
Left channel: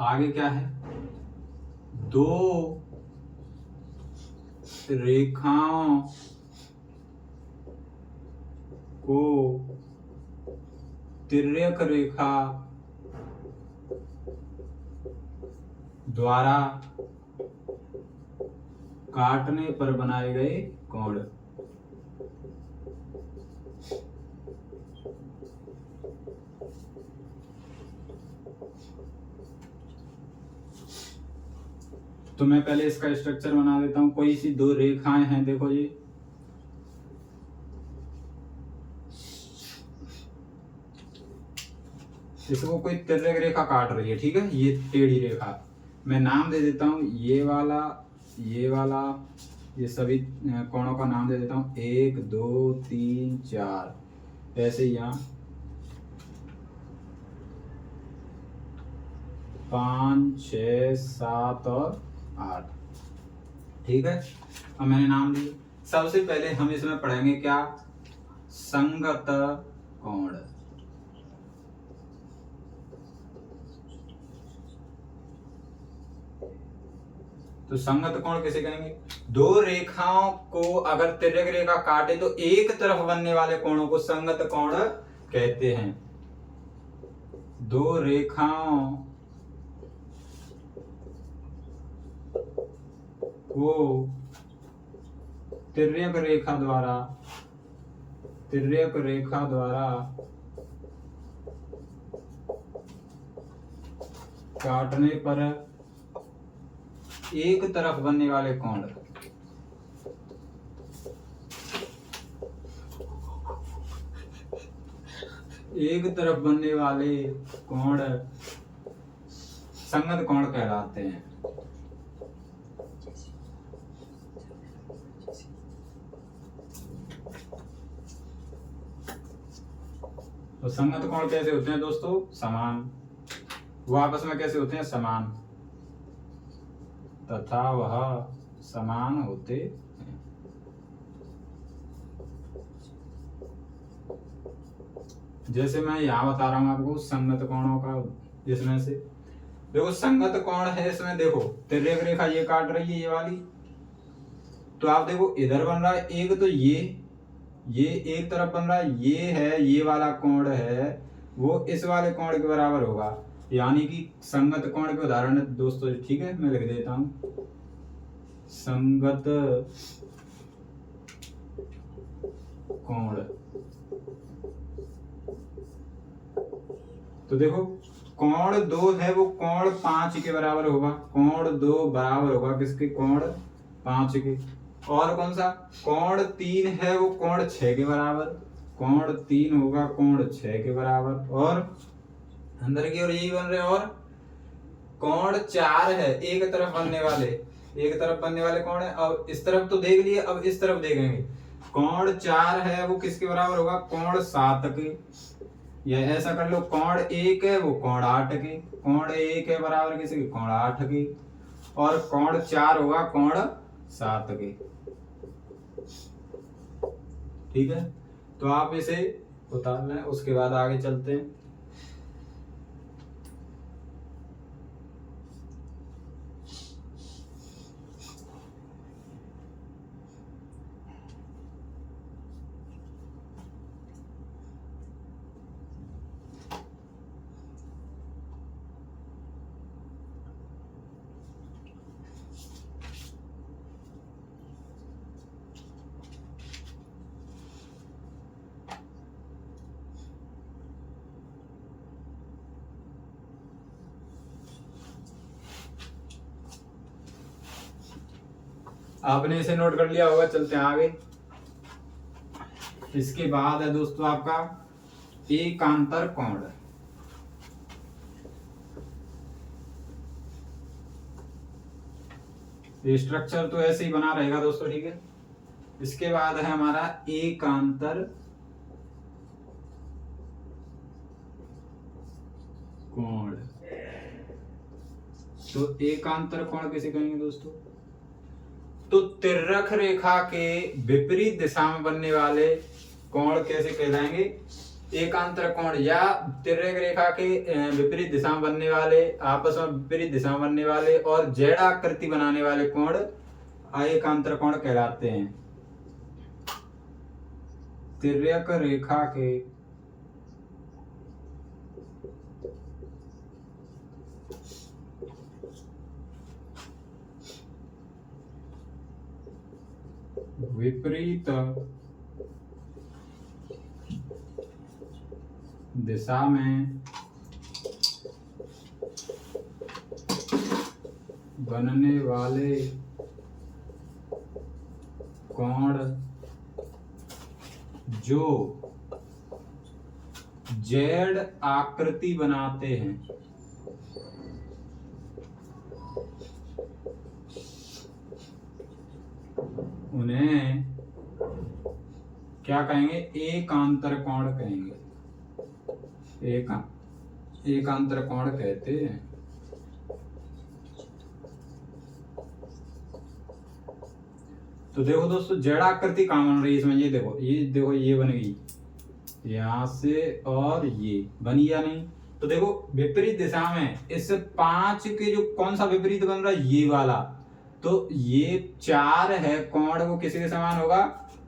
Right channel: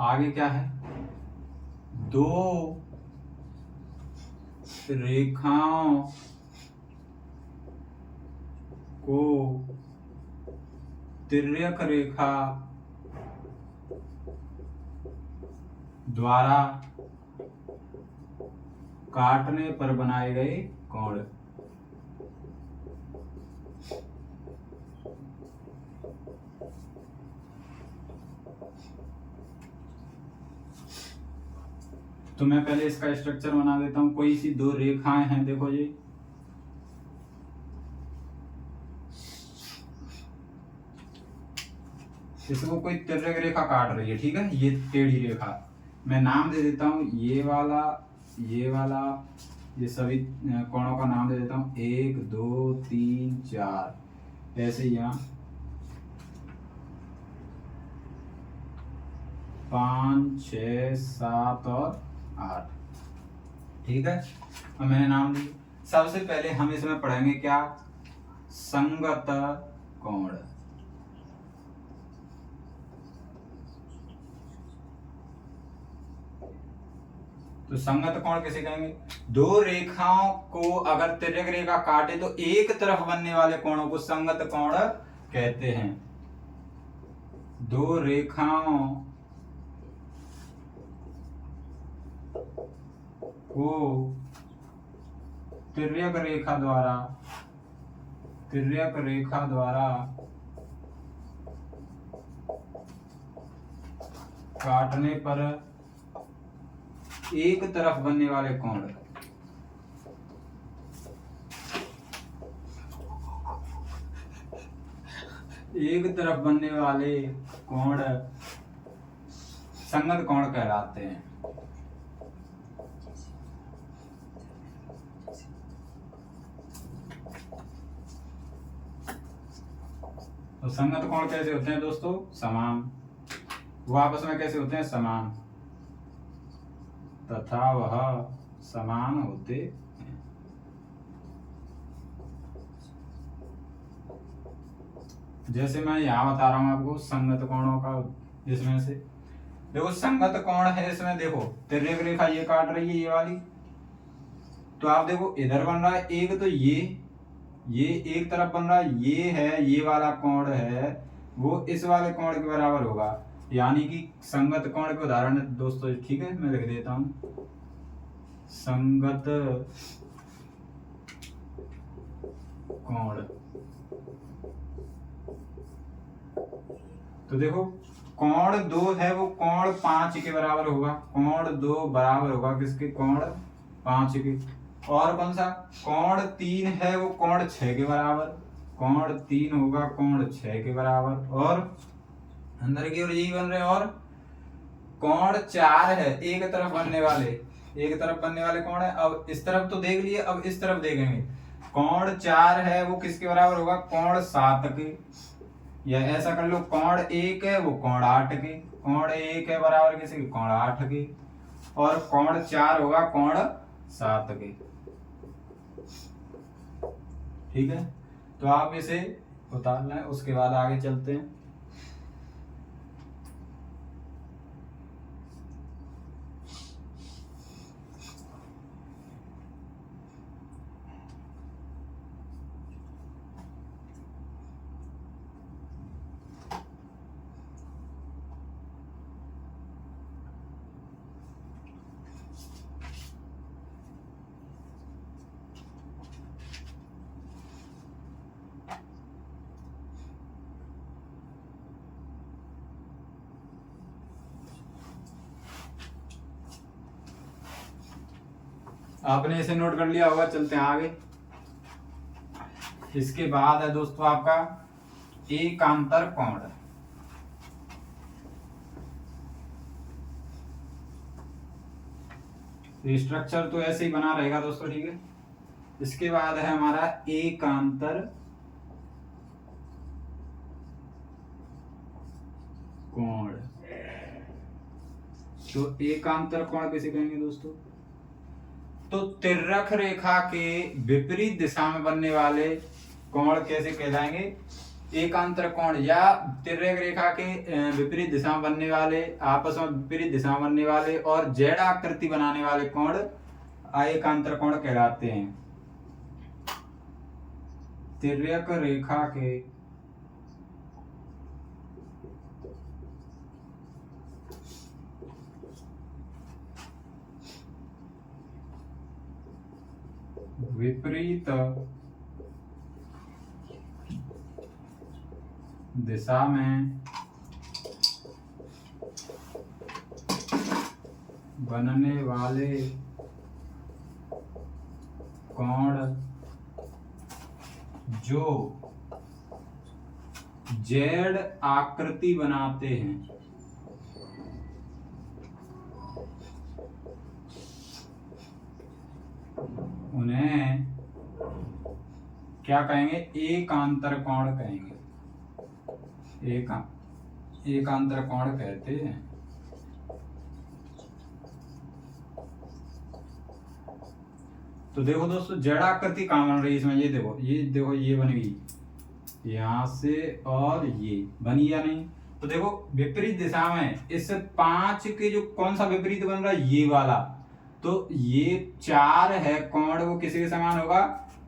आगे क्या है? दो रेखाओं को तिर्यक रेखा द्वारा काटने पर बनाए गए कोण। तो मैं पहले इसका स्ट्रक्चर बना देता हूं। कोई सी दो रेखाएं हैं, देखो ये, इसको कोई तिर्यक रेखा काट रही है। ठीक है, ये टेढ़ी रेखा, मैं नाम दे देता हूं ये वाला, ये वाला, ये सभी कोणों का नाम दे देता हूं 1 2 3 4। ऐसे यहाँ 5 6 7 और 8। ठीक है, अब मैंने नाम दिए। सबसे पहले हम इसमें पढ़ेंगे क्या? संगत कोण। तो संगत कोण किसे कहेंगे? दो रेखाओं को अगर तिर्यक रेखा काटे तो एक तरफ बनने वाले कोणों को संगत कोण कहते हैं। दो रेखाओं को तिर्यक रेखा द्वारा काटने पर एक तरफ बनने वाले कोण, एक तरफ बनने वाले कोण संगत कोण कहलाते हैं। तो संगत कोण कैसे होते हैं दोस्तों? समान। वो आपस में कैसे होते हैं? समान। तथा वह समान होते हैं। जैसे मैं यहाँ बता रहा हूँ आपको संगत कोणों का, इसमें से देखो संगत कोण है, इसमें देखो तिर्यक रेखा ये काट रही है ये वाली, तो आप देखो इधर बन रहा है एक, तो ये एक तरफ बन रहा है, ये है ये वाला कोण है वो इस वाले कोण के बराबर होगा, यानी कि संगत कोण के उदाहरण दोस्तों, ठीक है मैं लिख देता हूं संगत कोण। तो देखो कोण 2 है वो कोण 5 के बराबर होगा, कोण 2 बराबर होगा किसके? कोण 5 के। और कौन सा? कोण 3 है वो कोण 6 के बराबर, कोण 3 होगा कोण 6 के बराबर। और अंदर की ओर यही बन रहे हैं। और कोण 4 है एक तरफ बनने वाले, एक तरफ बनने वाले कोण है। अब इस तरफ तो देख लिए, अब इस तरफ देखेंगे। कोण 4 है वो किसके बराबर होगा? कोण 7 के। या ऐसा कर लो कोण 1 है वो कोण 8 के, कोण 1 है बराबर किसी के? कोण 8 के। और कोण 4 होगा कोण 7 के। ठीक है, तो आप इसे उतार लें, उसके बाद आगे चलते हैं। आपने इसे नोट कर लिया होगा, चलते हैं आगे। इसके बाद है दोस्तों आपका एकांतर कोण। स्ट्रक्चर तो ऐसे ही बना रहेगा दोस्तों, ठीक है। इसके बाद है हमारा एकांतर कोण। तो एकांतर कोण किसे कहेंगे दोस्तों? तो तिर्यक रेखा के विपरीत दिशा में बनने वाले कोण कैसे कहलाएंगे? एकांतर कोण। या तिर्यक रेखा के विपरीत दिशा में बनने वाले, आपस में विपरीत दिशा में बनने वाले और जेड आकृति बनाने वाले कोण एकांतर कोण कहलाते हैं। तिर्यक रेखा के विपरीत दिशा में बनने वाले कोण जो जेड आकृति बनाते हैं उन्हें क्या कहेंगे? एकांतर कोण कहेंगे। एकांतर कोण कहते हैं। तो देखो दोस्तों जेड आकृति कहाँ बन रही है इसमें? ये देखो ये बन गई यहां से, और ये बनी या नहीं? तो देखो विपरीत दिशा में इस 5 के जो कौन सा विपरीत बन रहा है? ये वाला। तो ये 4 है कोण, वो किसी के समान होगा?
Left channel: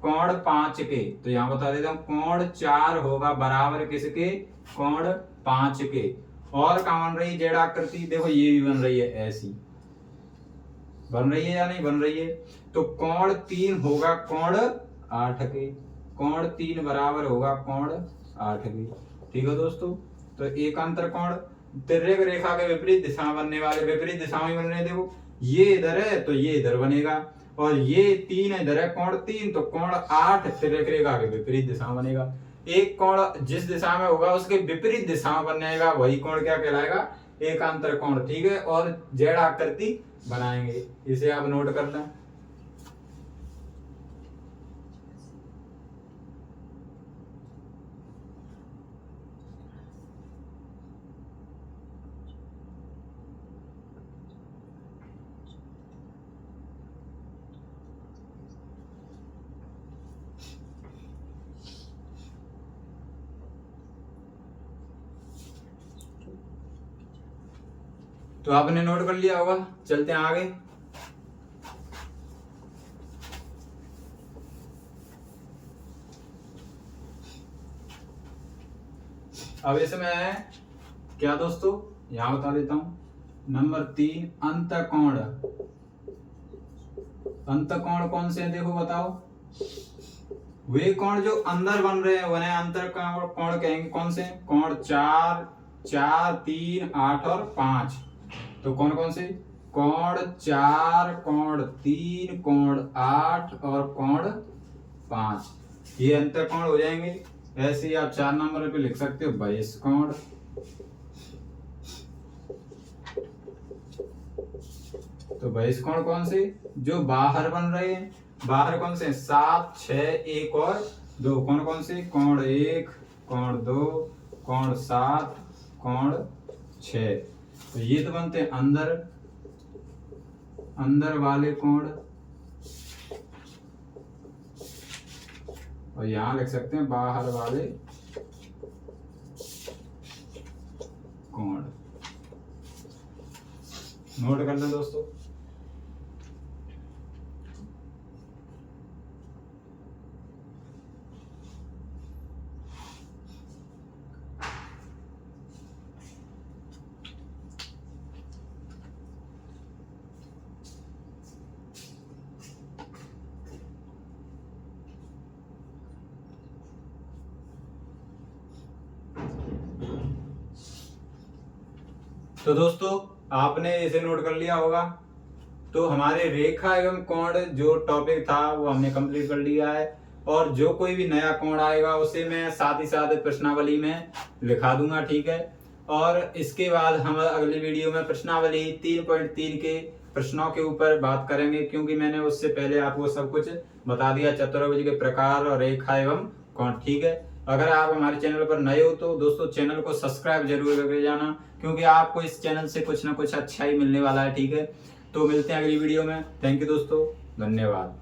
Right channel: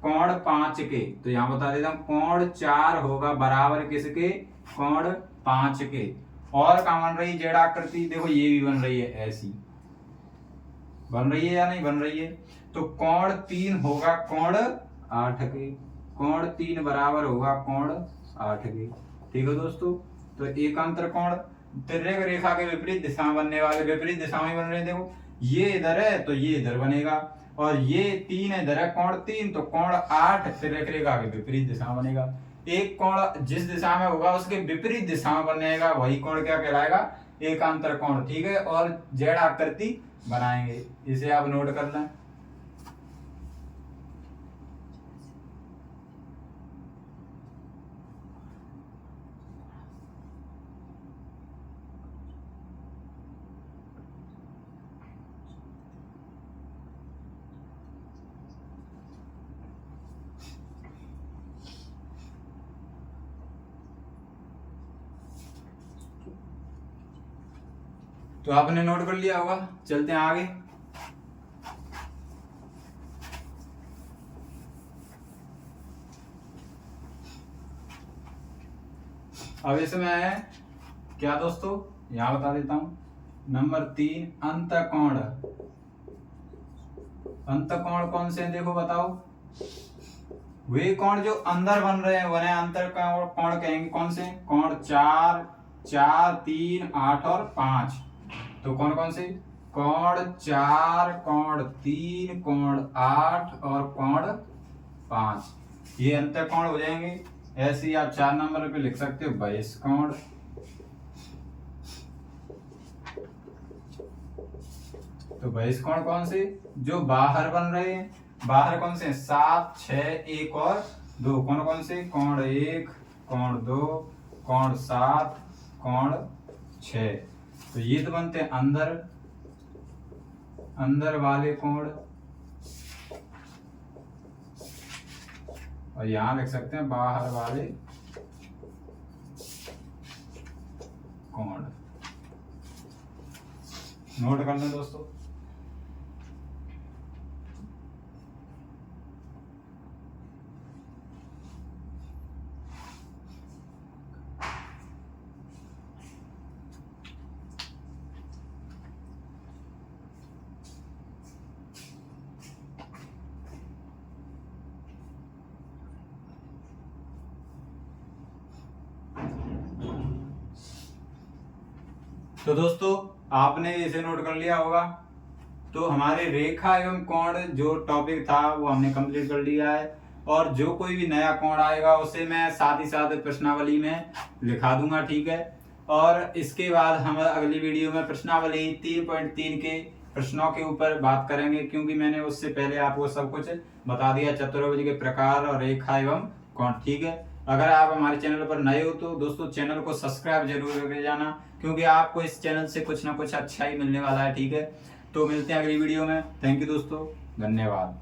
कोण 5 के। तो यहां बता देता हूं कोण 4 होगा बराबर किसके? कोण 5 के। और कहाँ बन रही है जेड आकृति? देखो ये भी बन रही है, ऐसी बन रही है या नहीं बन रही है? तो कोण 3 होगा कोण 8 के, कोण 3 बराबर होगा कोण 8 के। ठीक है दोस्तों, तो एकांतर कोण तिर्यक रेखा के विपरीत दिशा में बनने वाले, विपरीत दिशा में बन रहे हैं। देखो ये इधर है तो ये इधर बनेगा, और ये 3 इधर है, कोण 3, तो कोण 8 तिर्यक रेखा के विपरीत दिशा में बनेगा। एक कोण जिस दिशा में होगा उसके विपरीत दिशा में बनेगा, वही कोण क्या कहलाएगा? एकांतर कोण। ठीक है, और जेड आकृति बनाएंगे, इसे आप नोट कर लें। तो आपने नोट कर लिया होगा, चलते हैं आगे। अब इसमें क्या दोस्तों, यहां बता देता हूं। नंबर 3 अंतःकोण। अंतःकोण कौन से हैं देखो बताओ। वे कोण जो अंदर बन रहे हैं उन्हें अंतःकोण कोण कहेंगे। कौन से? कोण 4, 4, 3, 8 और 5। तो कौन कौन से? कोण 4, कोण 3, कोण 8 और कोण 5, ये अंतःकोण हो जाएंगे। ऐसे ही आप 4 नंबर पे लिख सकते हो बहिष्कोण। तो बहिष्कोण कौन से? जो बाहर बन रहे हैं। बाहर कौन से? 7, 6, 1 और 2। कौन कौन से? कोण 1, कोण 2, कोण 7, कोण 6। तो ये तो बनते हैं अंदर, अंदर वाले कोण। और यहां लिख सकते हैं बाहर वाले कोण। नोट कर लें दोस्तों। तो दोस्तों आपने इसे नोट कर लिया होगा। तो हमारे रेखा एवं कोण जो टॉपिक था वो हमने कंप्लीट कर लिया है। और जो कोई भी नया कोण आएगा उसे मैं साथ ही साथ प्रश्नावली में लिखा दूंगा, ठीक है। और इसके बाद हम अगली वीडियो में प्रश्नावली 3.3 के प्रश्नों के ऊपर बात करेंगे, क्योंकि मैंने उससे पहले आपको सब कुछ बता दिया, चतुर्भुज के प्रकार और रेखा एवं कोण, ठीक है। अगर आप हमारे चैनल पर नए हो तो दोस्तों चैनल को सब्सक्राइब जरूर करके जाना, क्योंकि आपको इस चैनल से कुछ ना कुछ अच्छा ही मिलने वाला है, ठीक है। तो मिलते हैं अगली वीडियो में। थैंक यू दोस्तों, धन्यवाद।